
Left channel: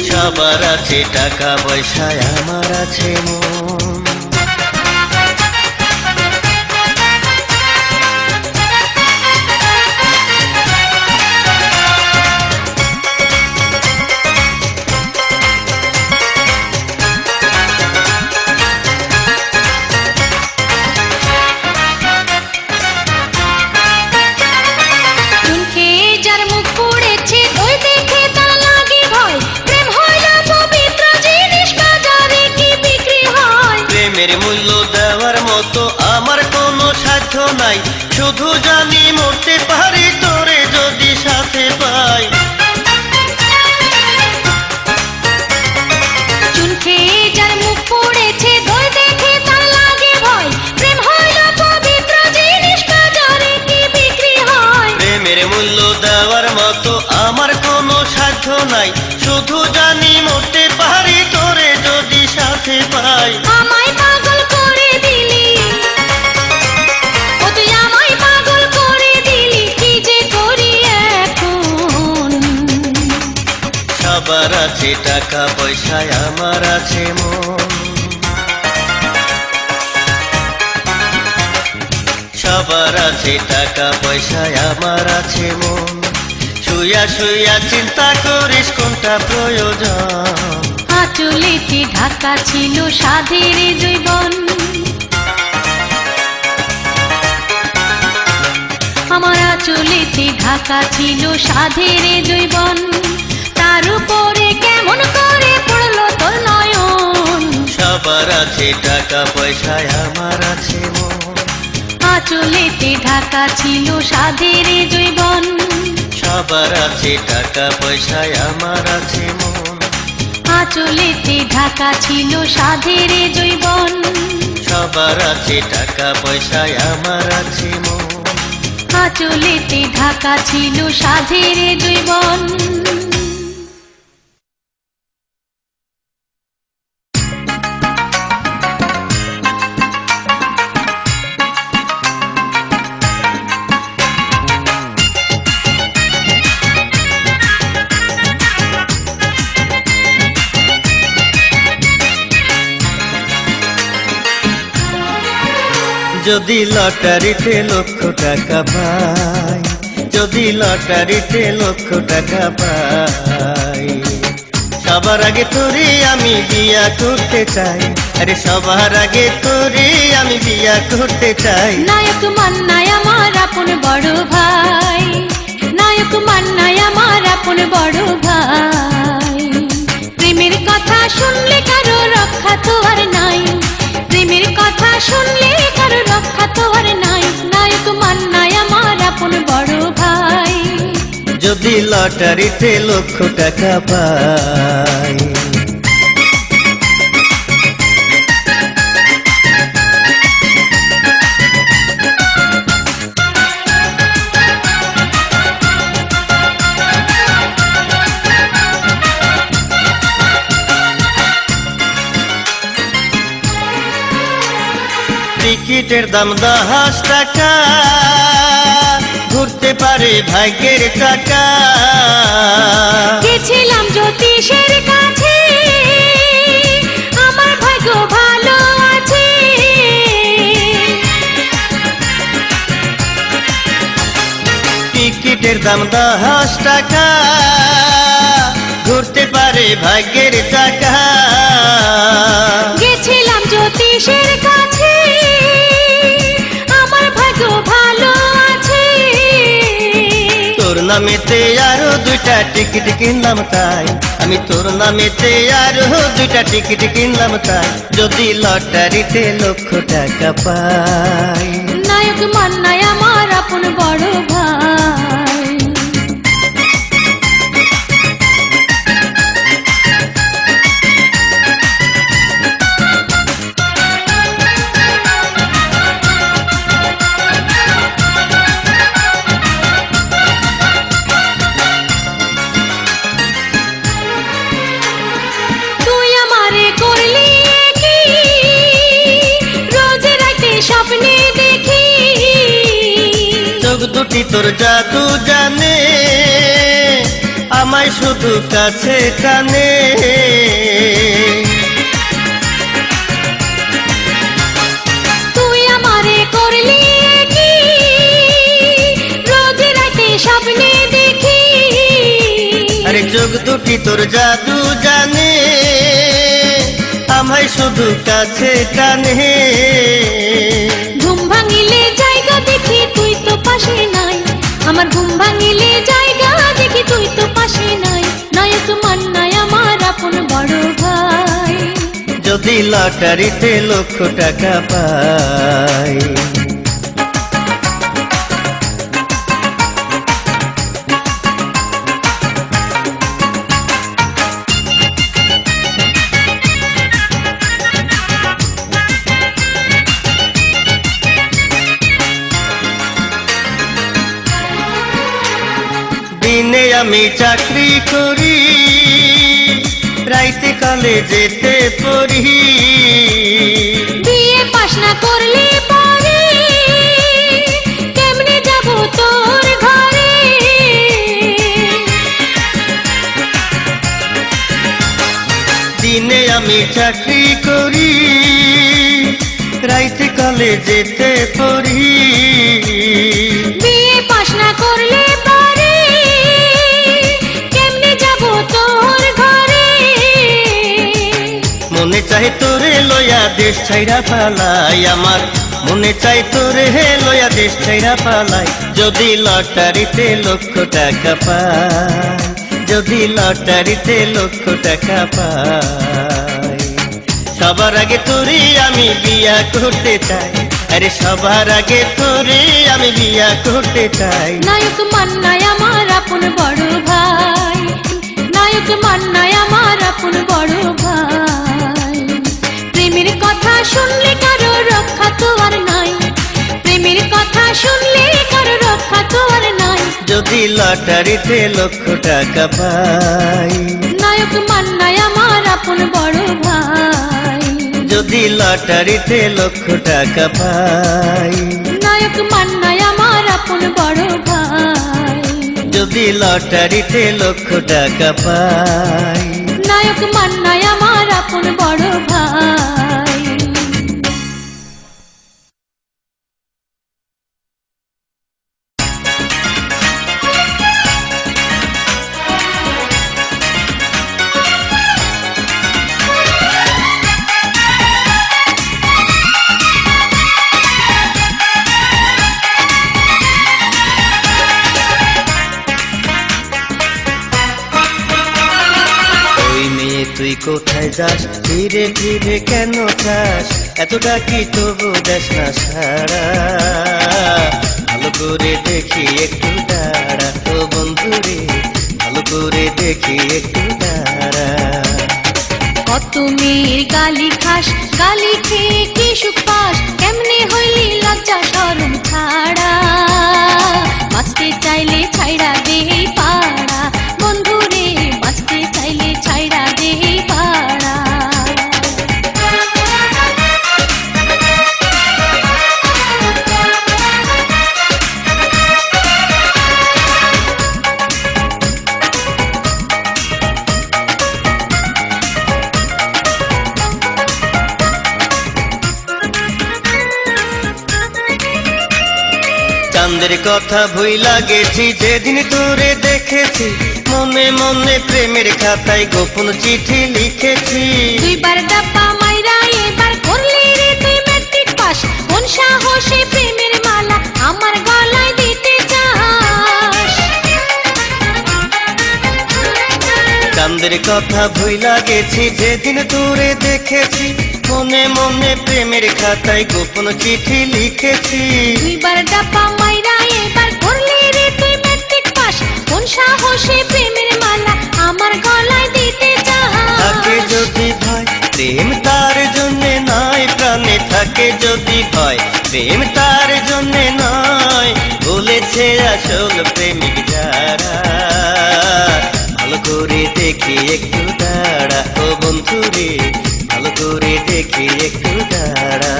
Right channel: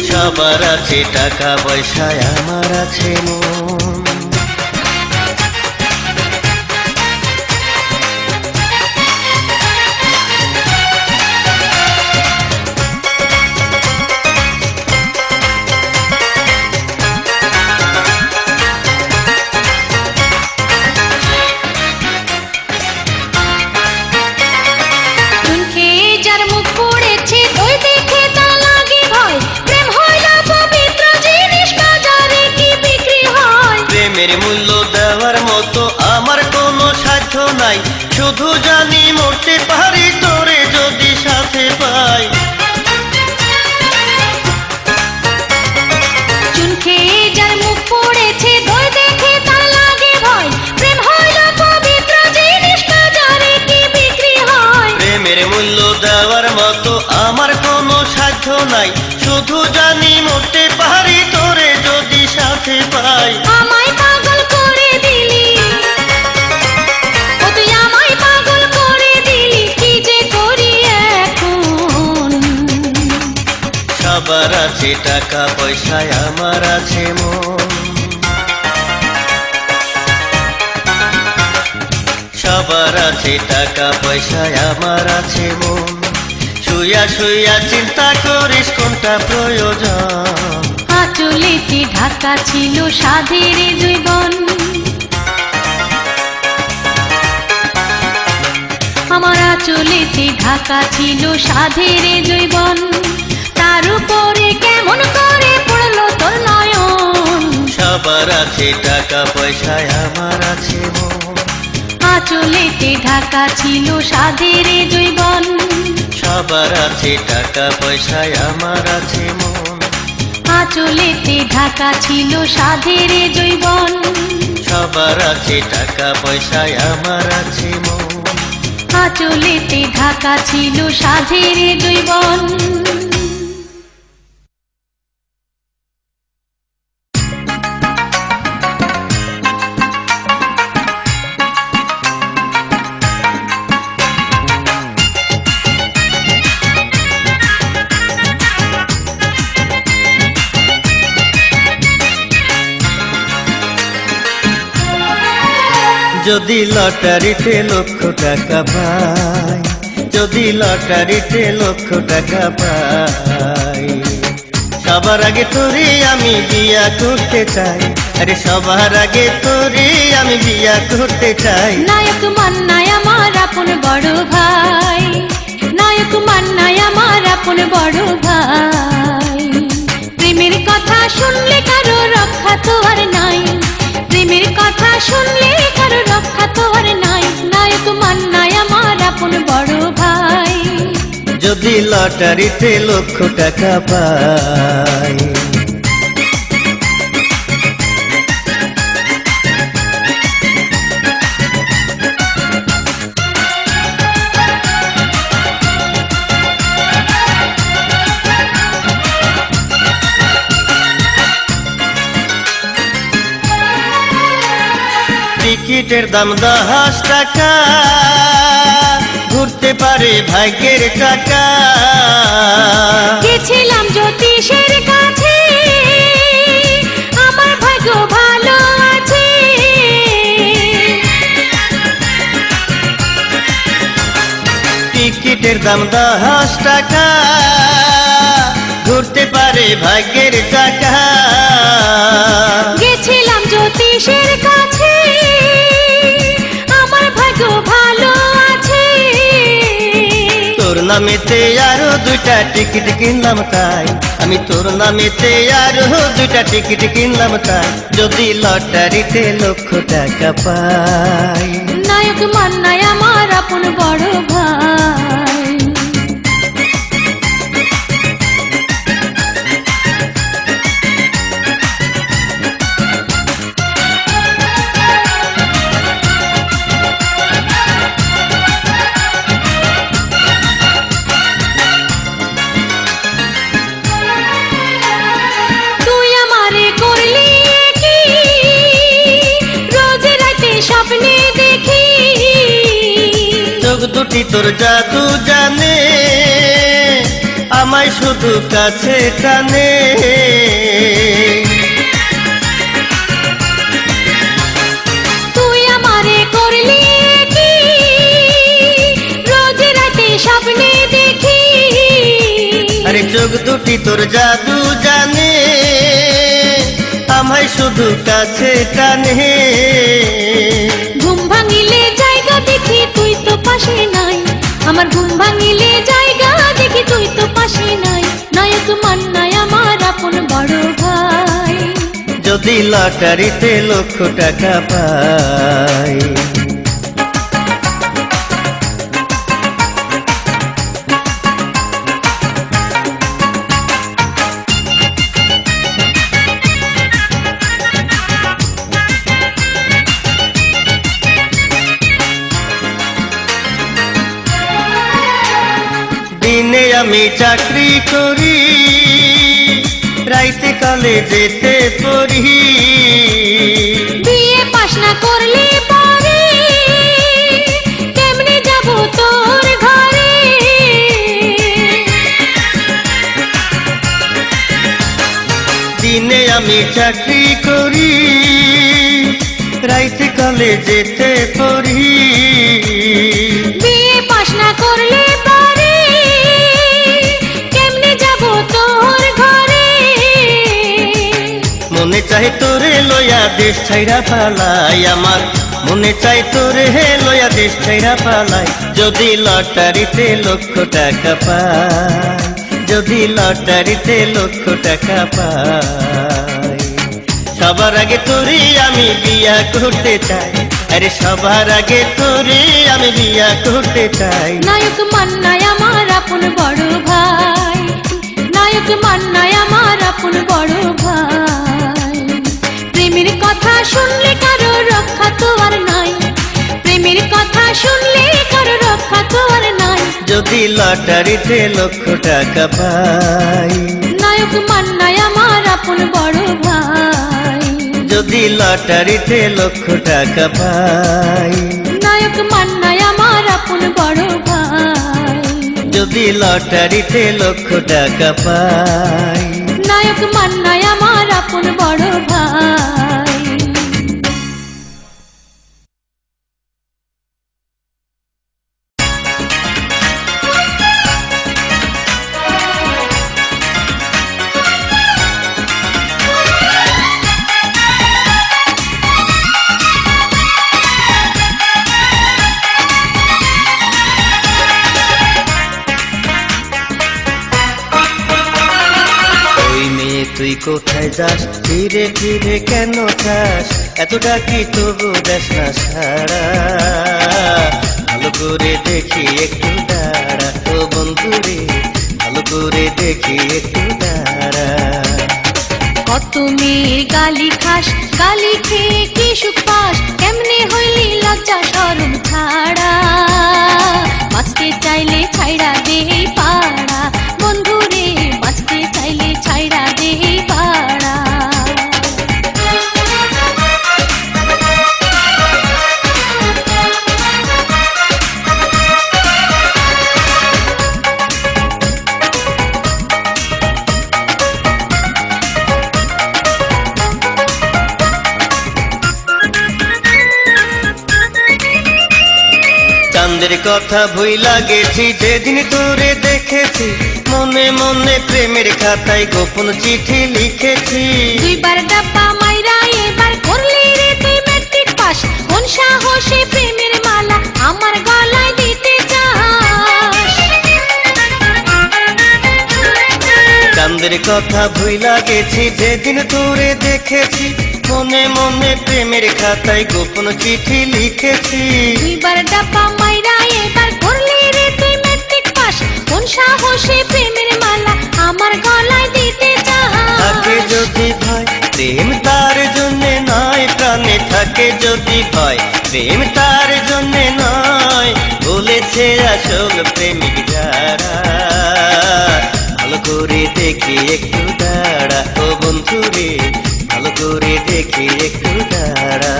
সবার আছে টাকা পয়সায়, আমার আছে মন। চোখে যার মুখ পড়েছে ওই দেখে তার লাগে ভয়। প্রেম হয় না পবিত্র জিনিস, না জানে কি বিক্রি হয়। প্রেমের মূল্য দেওয়ার মতো আমার কোনো সাধ্য নাই, শুধু জানি মরতে পারি তোরে যদি সাথে পাই। চোখে যার মুখ পড়েছে ওই দেখে তার লাগে ভয়। প্রেম হয় না পবিত্র জিনিস, না জানে কি বিক্রি হয়। প্রেমের মূল্য দেওয়ার মতো আমার কোনো সাধ্য নাই, শুধু জানি মরতে পারি তোরে যদি সাথে পাই। আমায় পাগল করে দিলি, ও তুই আমায় পাগল করে দিলি, কি যে করি এখন। সবার আছে টাকা পয়সায়, আমার আছে মন। সবার আছে টাকা পয়সায়, আমার আছে মন। শুইয়া শুইয়া চিন্তা করিস কোনটা প্রয়োজন। আঁচলেতে ঢাকা ছিল সাধের জৈবন, আমার আঁচলেতে ঢাকা ছিল সাধের জৈবন। তার উপরে কেমন করে পড়লো তোর নয়ন। সবার আছে টাকা পয়সায়, আমার আছে মন। আঁচলেতে ঢাকা ছিল সাধের জৈবন। সবার আছে টাকা পয়সায়, আমার আছে মন। আঁচলেতে ঢাকা ছিল সাধের জৈবন, সবার আছে টাকা পয়সায় আমার আছে মন। আঁচলেতে ঢাকা ছিল সাধের জৈবন। যদি লটারিতে লক্ষ টাকা পাই, যদি লটারিতে লক্ষ টাকা পাই, সবার আগে তোরে আমি বিয়া করতে চাই। আরে সবার আগে তোরে আমি বিয়া করতে চাই। নায়ক মান্নায় আমার আপন বড় ভাই, নায়ক মান্নায় আমার আপন বড় ভাই। প্রেমের কথা শুনলে কারো রক্ষা তো আর নাই, প্রেমের কথা শুনলে কারো রক্ষা তো আর নাই। নায়ক মান্নায় আমার আপন বড় ভাই। যদি লটারিতে লক্ষ টাকা পাই, টিকিটের দাম 10 টাকা, ঘুরতে পারে ভাগ্যের টাকা। গেছিলাম জ্যোতিষের কাছে, আমার ভাগ্য ভালো আছে। টিকিটের দাম 10 টাকা, ঘুরতে পারে ভাগ্যের টাকা। গেছিলাম জ্যোতিষের কাছে, আমার ভাগ্য ভালো আছে। তোর নামেতে আরো 2টা টিকিট কিনলাম তাই, আমি তোর নামেতে আরো 2টা টিকিট কিনলাম তাই। যদি লটারিতে লক্ষ টাকা পাই, নায়ক মান্নায় আমার আপন বড় ভাই। তুই আমারে করলি কি, রোজ রাতে স্বপ্নে দেখি। চোখ দুটি তোর জাদু জানে, আমায় শুধু কাছে টানে। তুই আমারে করলি কি, রোজ রাতে স্বপ্নে দেখি। আরে চোখ দুটি তোর জাদু জানে, আমায় শুধু কাছে টানে। ঘুম ভাঙিলে জায়গা দেখি তুই তো পাশে নাই, আমার ঘুম ভাঙিলে জায়গা দেখি তুই তো পাশে নাই। নায়ক মান্নায় আমার আপন বড় ভাই। যদি লটারিতে লক্ষ টাকা পাই, দিনে আমি চাকরি করি, রাইতে কলেজেতে পড়ি। বিয়ে পাস না করলে পরে কেমনে যাব তোর ঘরে। দিনে আমি চাকরি করি, রাইতে কলেজেতে পড়ি। বিয়ে পাস না করলে পরে কেমনে যাব তোর ঘরে। মনে চাই তোরে লয়া দেশ ছাইরা পালাই, আমার মনে চাই তোরে লয়া দেশ ছাইরা পালাই। যদি লটারিতে লক্ষ টাকা পাই, যদি লটারিতে লক্ষ টাকা পাই, সবার আগে তোরে আমি বিয়া করতে চাই। আরে সবার আগে তোরে আমি বিয়া করতে চাই। নায়ক মান্নায় আমার আপন বড় ভাই, নায়ক মান্নায় আমার আপন বড় যদি লটারিতে লক্ষ টাকা পাই, নায়ক মান্নাই আমার আপন বড় ভাই। যদি লটারিতে লক্ষ টাকা পাই, নায়ক মান্নাই আমার আপন বড় ভাই। যদি লটারিতে লক্ষ টাকা পাই, নায়ক মান্নাই আমার আপন বড় ভাই। ওই মেয়ে তুই কোথায় যাস, ধীরে ধীরে কেন চাস, এত ডাকি তবু দেশ না সারা, ভালো করে দেখি একটু দাঁড়া, ও বন্ধু রে ভালো করে দেখি একটু দাঁড়া। কত মেয়ে গালি খাস, গালি খেয়ে কি সুখ পাস, কেমনে হইলি লজ্জা শরম ছাড়া, বাঁচতে চাইলে ছাইড়া দে পাড়া, বন্ধু রে বাঁচতে চাইলে ছাইড়া দে পাড়া। চাঁদের কথা ভুইলা গেছি যেদিন তোরে দেখেছি, মনে মনে প্রেমের খাতায় গোপন চিঠি লিখেছি। দুইবার ডাব্বা মাইরা এবার করলি রে তুই ম্যাট্রিক পাস, কোন সাহসে প্রেমের মালা আমার গলায় দিতে চাস। চাঁদের কথা ভুইলা গেছি যেদিন তোরে দেখেছি, মনে মনে প্রেমের খাতায় গোপন চিঠি লিখেছি। দুইবার ডাব্বা মাইরা এবার করলি রে তুই ম্যাট্রিক পাস, কোন সাহসে প্রেমের মালা আমার গলায় দিতে থাকে চাস। যদি ভয় প্রেম তার জন্যে নয়, প্রাণে থাকে যদি ভয় প্রেম তার জন্যে নয়, বলেছে আসল প্রেমিক যারা, ভালো করে দেখি একটু দাঁড়া, ও বন্ধু রে ভালো করে দেখি একটু দাঁড়া।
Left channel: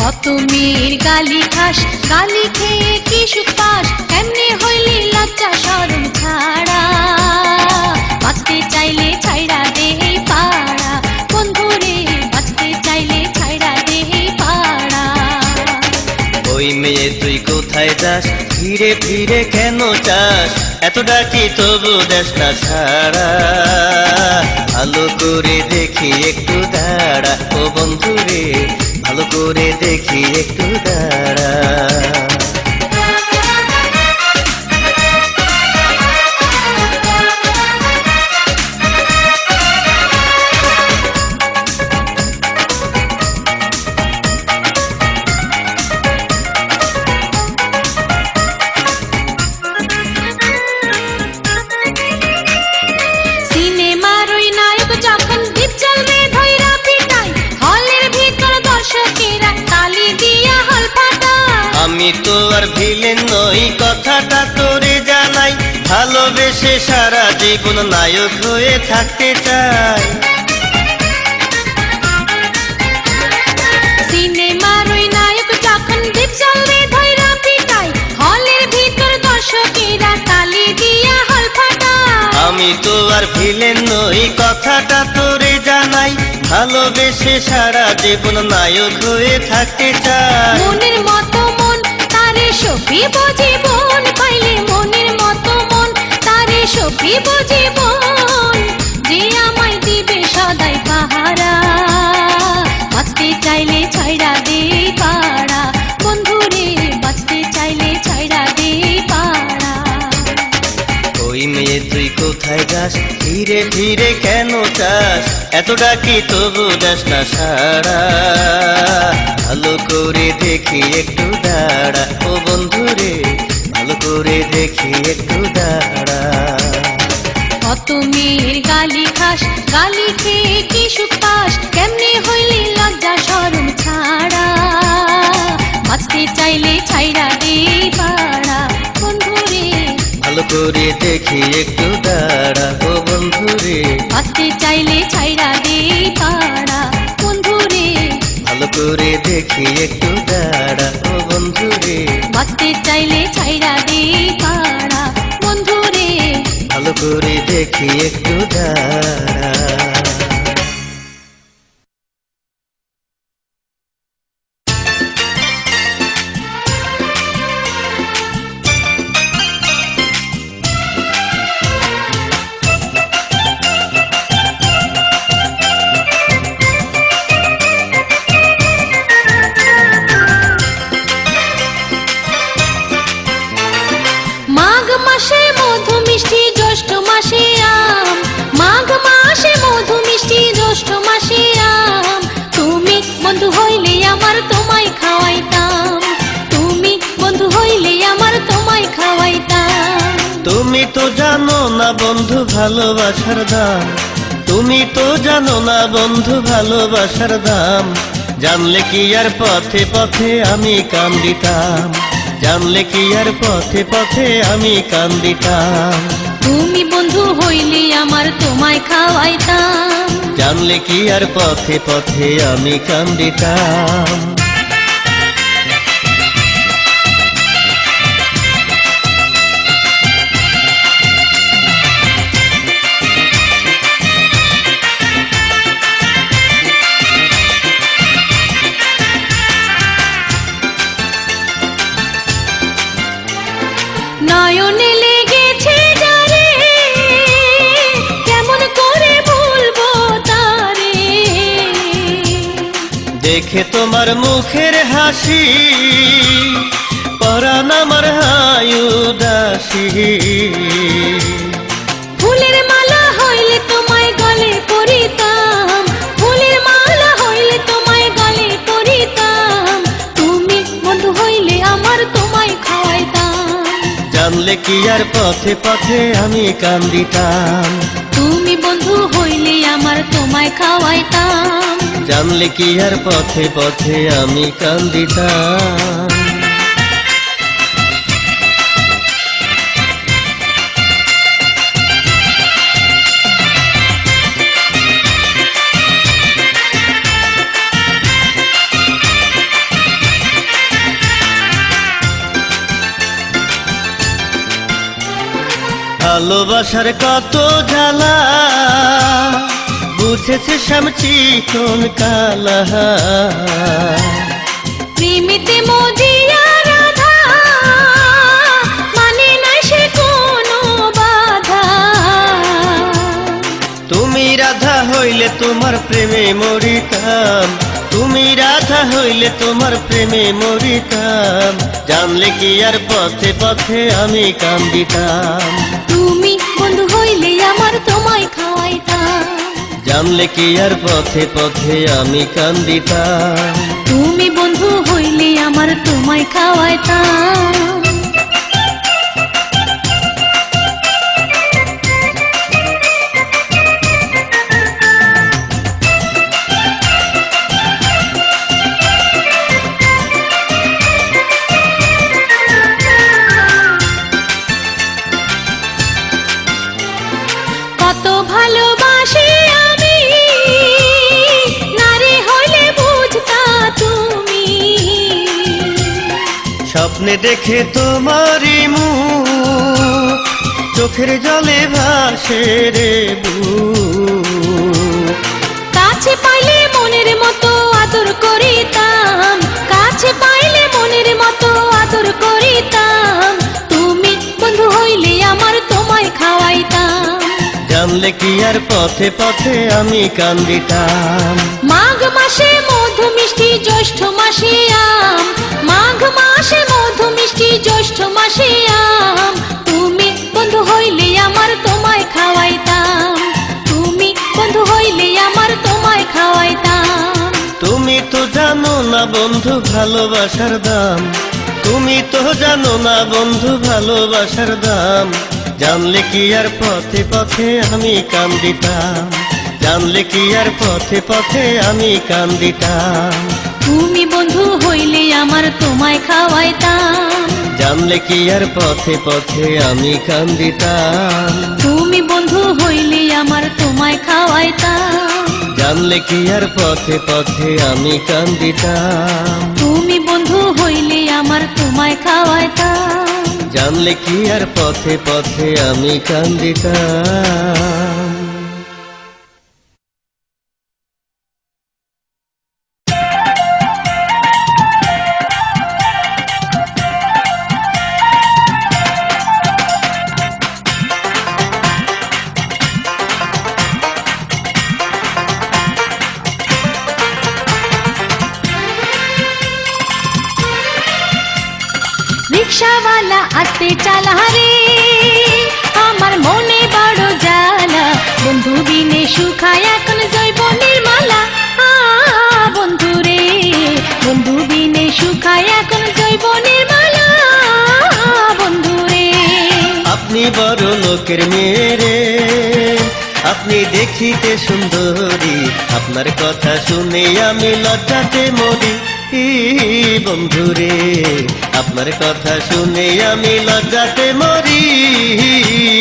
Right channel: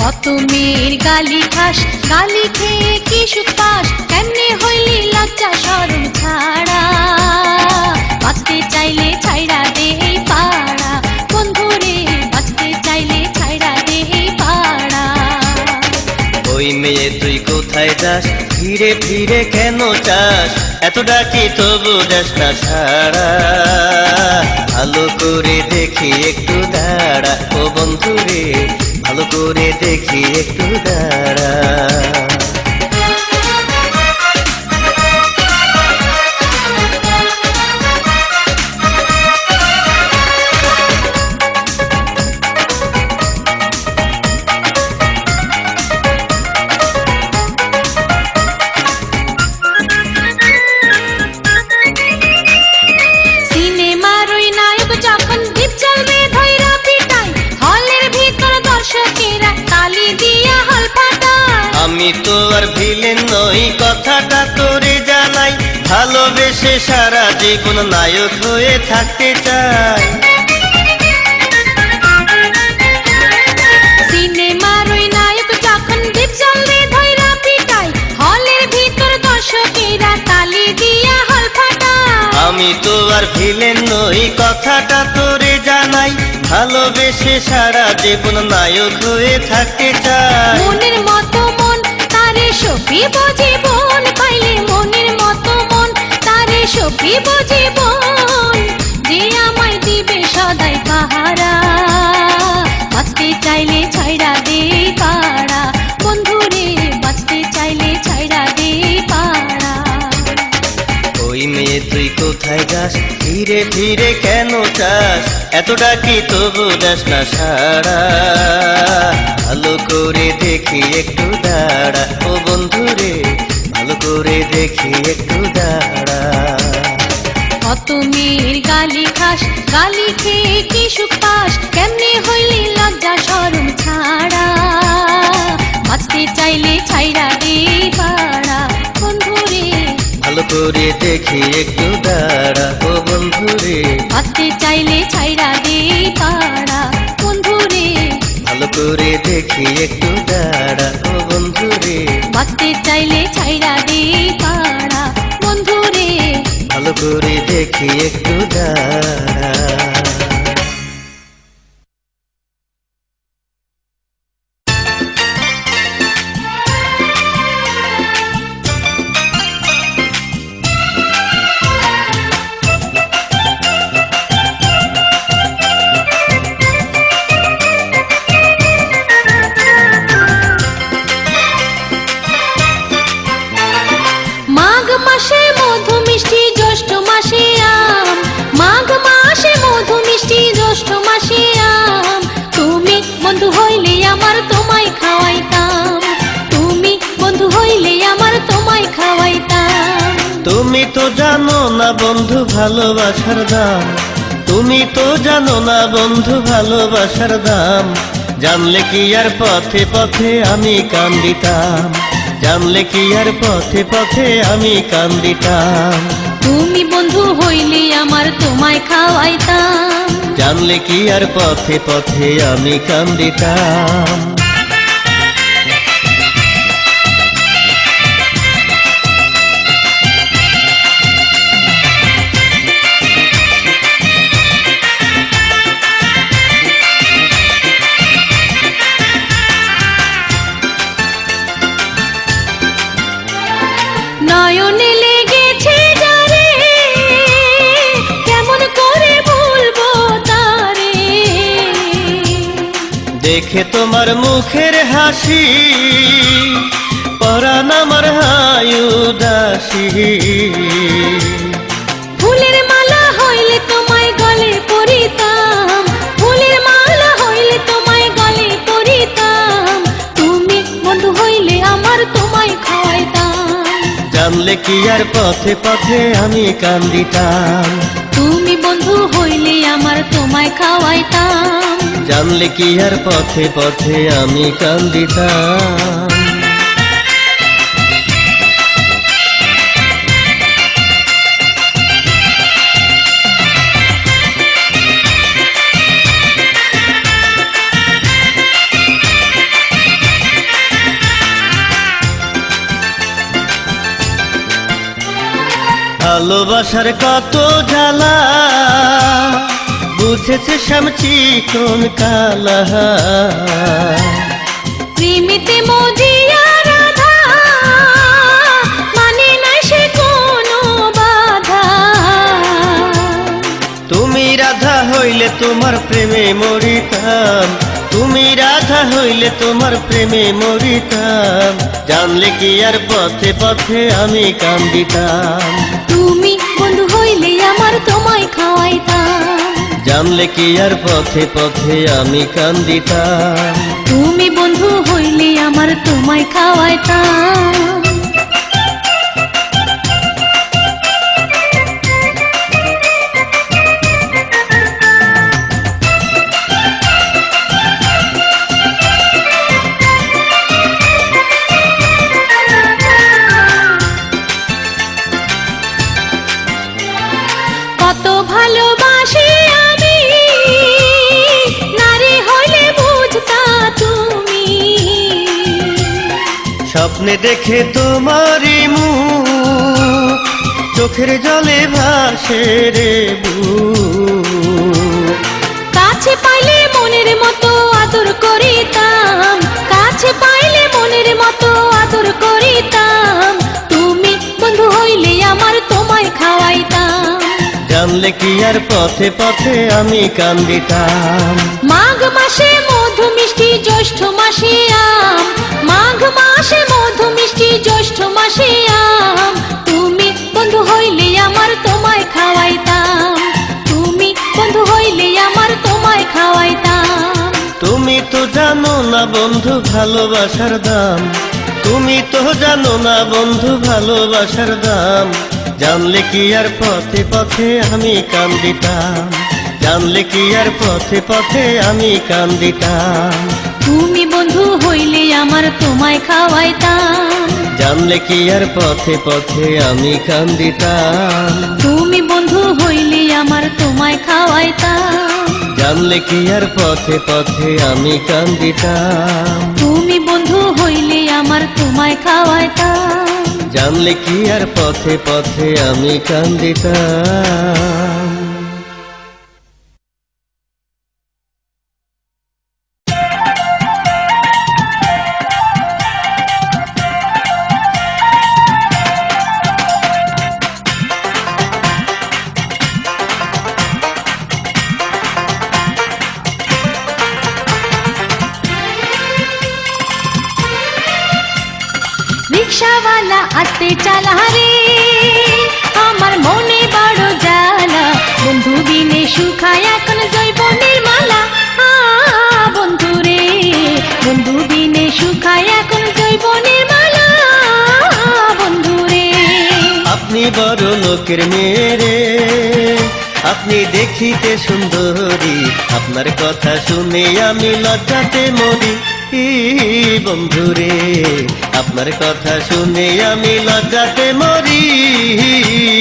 কত মেয়ের গালি খাস, গালি খেয়ে কি সুখ পাস, কেমনে হইলি লজ্জা শরম ছাড়া, বাঁচতে চাইলে ছাইড়া দে পাড়া, বন্ধু রে বাঁচতে চাইলে ছাইড়া দে পাড়া। ওই মেয়ে তুই কোথায় যাস, ধীরে ধীরে কেন চাস, এত ডাকি তবু দেশ না ছাড়া, ভালো করে দেখি একটু দাঁড়া, ও বন্ধু রে ভালো করে দেখি একটু দাঁড়া। সিনেমার ওই নায়ক যখন দ্বীপ চলবে ধৈরা পিটাই, হলের ভিতর দর্শকেরা তালি দিয়া হল পাতায়। আমি তো আর ভিলেন নই কথাটা তোরে জানাই, ভালোবেসে সারা জীবন নায়ক হয়ে থাকতে চাই। সিনেমার ওই নায়ক যখন দ্বীপ চলবে ধৈরা পিটাই, হলের ভিতর দর্শকেরা তালি দিয়া হল পাতায়। আমি তো আর ভিলেন নই কথাটা তোরে জানাই, ভালোবেসে সারা জীবন নায়ক হয়ে থাকতে চাই। মনের মতো মন তারে সখী জীবন পাইলে, মনের মতো মন তারে সখী জীবন, যে আমায় দিবে সদাই পাহারা, বাঁচতে চাইলে ছাইড়া দে পাড়া, বন্ধু রে বাঁচতে চাইলে ছাইড়া দে পাড়া। ওই মেয়ে তুই কোথায় যাস, ধীরে ধীরে কেন চাস, এত ডাকি তবু যাস না সারা, ভালো করে দেখি একটু দাঁড়া, ও বন্ধু রে ভালো করে দেখি একটু দাঁড়া। কত মেয়ের গালি খাস, গালি খেয়ে কি সুখ পাস, কেমনে হইলি লজ্জা শরম ছাড়া, বাঁচতে চাইলে ছাইড়া দে পাড়া, বন্ধু রে করে দেখি একটু দাঁড়া ও বন্ধু রে, বাঁচতে চাইলে ছাইরা দে পাড়া বন্ধু রে, ভালো করে দেখি একটু দাঁড়া ও বন্ধু রে, বাঁচতে চাইলে ছাইরা দে পাড়া বন্ধু রে। ভালো করে দেখি একটু দাঁড়া। মাঘ মাসে মধু মিষ্টি জ্যৈষ্ঠ মাসে আম, মাঘ মাসে মধু মিষ্টি জ্যৈষ্ঠ মাসে আম, তুমি বন্ধু হইলে আমার তোমায় খাওয়াইতাম, তুমি বন্ধু হইলে আমার তোমায় খাওয়াইতাম। তুমি তো জানো না বন্ধু ভালোবাসার দাম, তুমি তো জানো না বন্ধু ভালোবাসার দাম, জানলে কি আর পথে পথে আমি কান্দিতাম, জানলে কি আর পথে পথে আমি কান্দিতাম, তুমি বন্ধু হইলে আমার তোমায় খাওয়াইতাম। জানলে কি আর পথে পথে আমি কান্দিতাম। নয়নে লেগেছে যারে, কেমন করে ভুলবো তারে, দেখে তোমার মুখের হাসি পরাণ আমার হায় উদাসী, ফুলের মালা হইলে তোমায় গলে পরিতাম, ফুলের মালা হইলে তোমায় গলে পরিতাম, তুমি বন্ধু হইলে আমার তোমায় খাওয়াইতাম, জানলে কি আর পথে পথে আমি কান্দিতাম, তুমি বন্ধু হইলে আমার তোমায় খাওয়াইতাম। জানলে কি আর পথে পথে আমি কান্দিতাম। ভালোবাসার কত জ্বালা বুঝেছে শ্যামচি কোন কালা, প্রেমিতে মজিয়া রাধা, মানে না সে কোনো বাধা, তুমি রাধা হইলে তোমার প্রেমে মরিতাম, তুমি রাধা হইলে তোমার প্রেমে মরিতাম, জানলে কি আর পথে পথে আমি কান্দিতাম, তুমি বন্ধু হইলে আমার তোমায় খাওয়াইতাম, জানলে কি আর পথে পথে আমি কান্দিতাম, তুমি বন্ধু হইলে আমার তোমায় খাওয়াইতাম। কত ভালোবাসি আমি, নারী হইলে বুঝতা তুমি, স্বপ্নে দেখে তোমারই মুখ চোখের জলে ভাসে রে বুক, কাছে পাইলে মনের মতো আদর করিতাম, কাছে পাইলে মনের মতো আদর করিতাম, তুমি বন্ধু হইলে আমার তোমায় খাওয়াইতাম, জানলে কি আর পথে পথে আমি কান্দিতাম, মাঘ মাসে মধু মিষ্টি জ্যৈষ্ঠ মাসে আম, মাঘ মাসে মধু মিষ্টি জ্যৈষ্ঠ মাসে আম, তুমি বন্ধু হইলে আমার তোমায় খাওয়াইতাম, তুমি বন্ধু হইলে আমার তোমায় খাওয়াইতাম। তুমি তো জানো না বন্ধু ভালোবাসার দাম, তুমি তো জানো না বন্ধু ভালোবাসার দাম, জানলে কি আর পথে পথে আমি কান্দিতাম, জানলে কি আর পথে পথে আমি কান্দিতাম, তুমি বন্ধু হইলে আমার তোমায় খাওয়াইতাম, জানলে কি আর পথে পথে আমি কান্দিতাম, তুমি বন্ধু হইলি আমার তোমায় খাওয়াইতাম, জানলে কি আর পথে পথে আমি কান্দিতাম, তুমি বন্ধু হইলি আমার তোমায় খাওয়াইতাম। জানলে কি আর পথে পথে আমি কান্দিতাম। রিক্সাওয়ালা আসতে চালা রে, আমার মনে বড় জ্বালা, বন্ধু দিনে শুকায় এখন জৈবনের মালা। বন্ধু রে, বন্ধু দিনে শুকায় এখন জৈবনের মালা। বন্ধু রে, আপনি বড় লোকের মেয়ে রে, আপনি দেখিতে সুন্দরী, আপনার কথা শুনে আমি লজ্জাতে মরি। বন্ধুরে, আপনার কথা শুনে আমি লজ্জাতে মরি।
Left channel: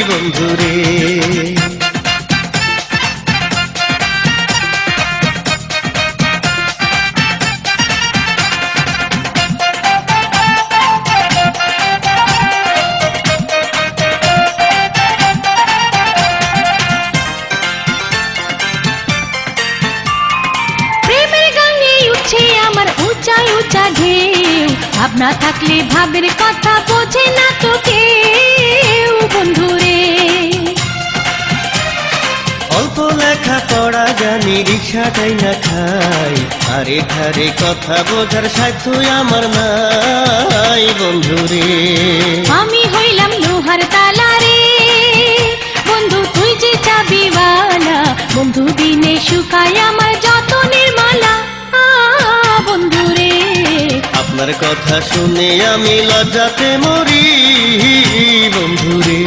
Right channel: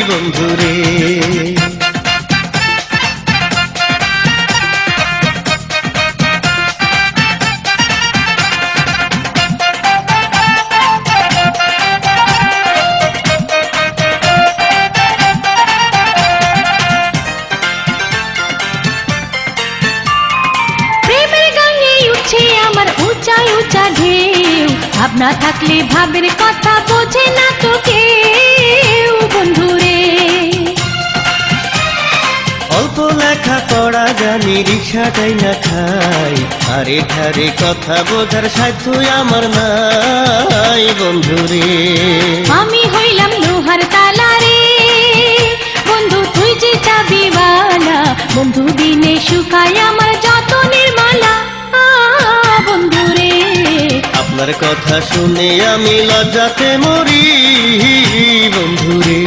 বন্ধুরে, আমার উঁচা উঁচা ঢেউ, ভাবনা থাকলে ভাবের কথা বোঝে না তো কেউ। বন্ধুরে, অল্প লেখা পড়া জানি, রিক্সাটাই না খাই, আরে ধারে কথা বোঝার সাধ্য আমার নাই। বন্ধুরে, আমি হইলাম লোহার তালা রে, বন্ধু তুই যে চাবিওয়ালা, বন্ধু দিনে শুকায় আমার যতনের মালা। বন্ধুরে, আপনার কথা শুনে আমি লজ্জাতে মরি। বন্ধুরে,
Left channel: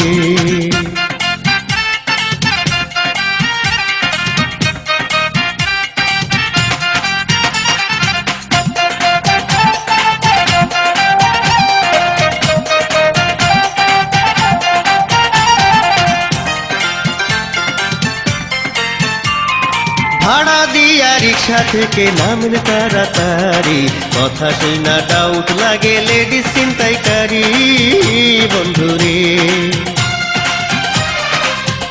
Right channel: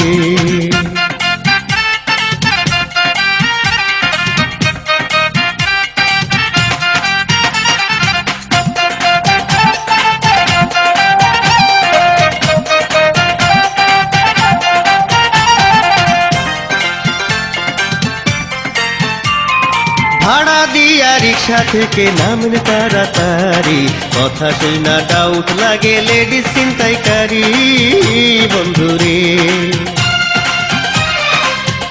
ভাড়া দিয়া রিক্সা থেকে নামলে তাড়াতাড়ি, কথা শুই না ডাউট লাগে লেডিস চিন্তাইকারী। বন্ধুরে,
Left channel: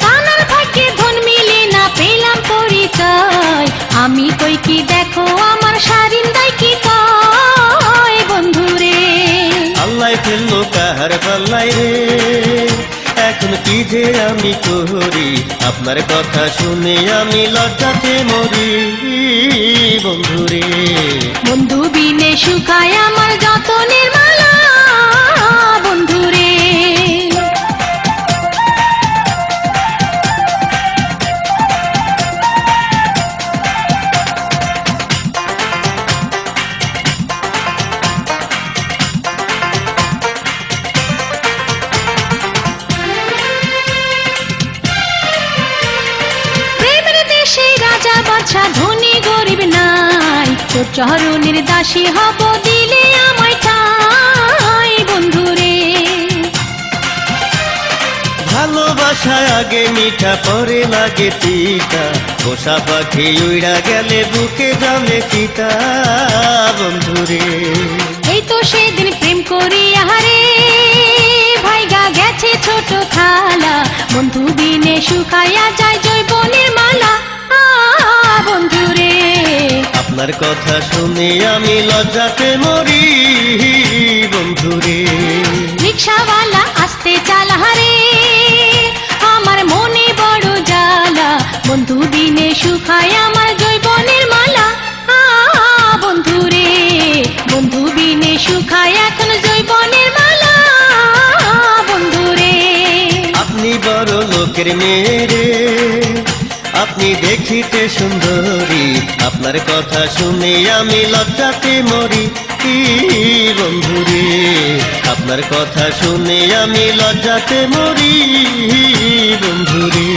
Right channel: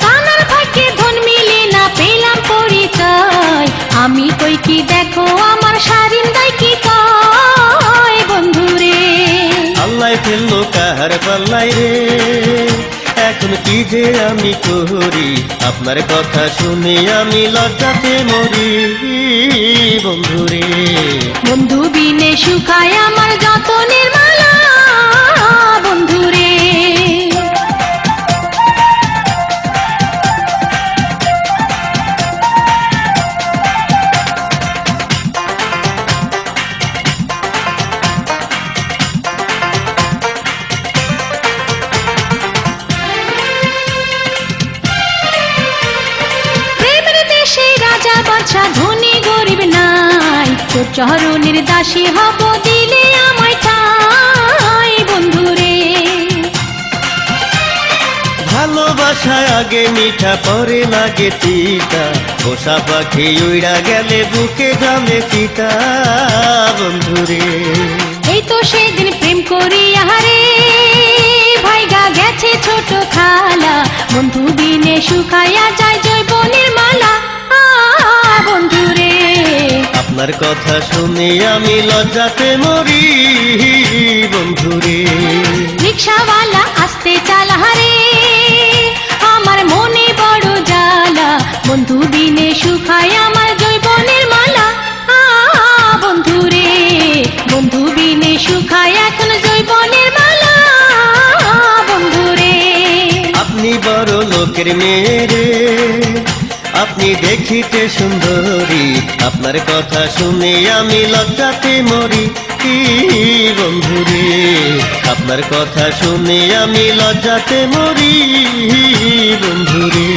কানার ভাগ্যে ধন মিলে না পেলাম পরিচয়, আমি কই কি দেখো আমার শারিন্দাই কি কয়। বন্ধুরে, আল্লাহ ফেললো কাহার পাল্লাই রে, এখন কি যে আমি করি, আপনার কথা শুনে আমি লজ্জাতে মরি। বন্ধুরে, বন্ধু দিনে শুকায় আমার যতনের মালা। বন্ধুরে, রাজা বাদশা ধনী গরিব নাই, তোর চরণের দাসী হব দিলে আমায় চাই। বন্ধুরে, ভালোবাসায় আগে মিঠা পরে লাগে তিতা, পোষা পাখি উড়া গেলে বুকে জানে চিতা। বন্ধুরে, এই তো সেদিন প্রেম করি আহারে, ভাইগা গেছে ছোট থালা, বন্ধু দিনে শুকাইয়া যায় জৈবনের মালা। বন্ধুরে, আপনার কথা শুনে আমি লজ্জাতে মরি। বন্ধুরে, রিক্সাওয়ালা আসতে চালা রে, আমার মনে বড় জ্বালা, বন্ধু দিনে শুকায় আমার জৈবনের মালা। বন্ধুরে, বন্ধু দিনে শুকায় এখন জৈবনের মালা। বন্ধুরে, আপনি বড় লোকের মেয়ে রে, আপনি দেখিতে সুন্দরী, আপনার কথা শুনে আমি লজ্জাতে মরি। বন্ধুরে, আপনার কথা শুনে আমি লজ্জাতে মরি। বন্ধুরে।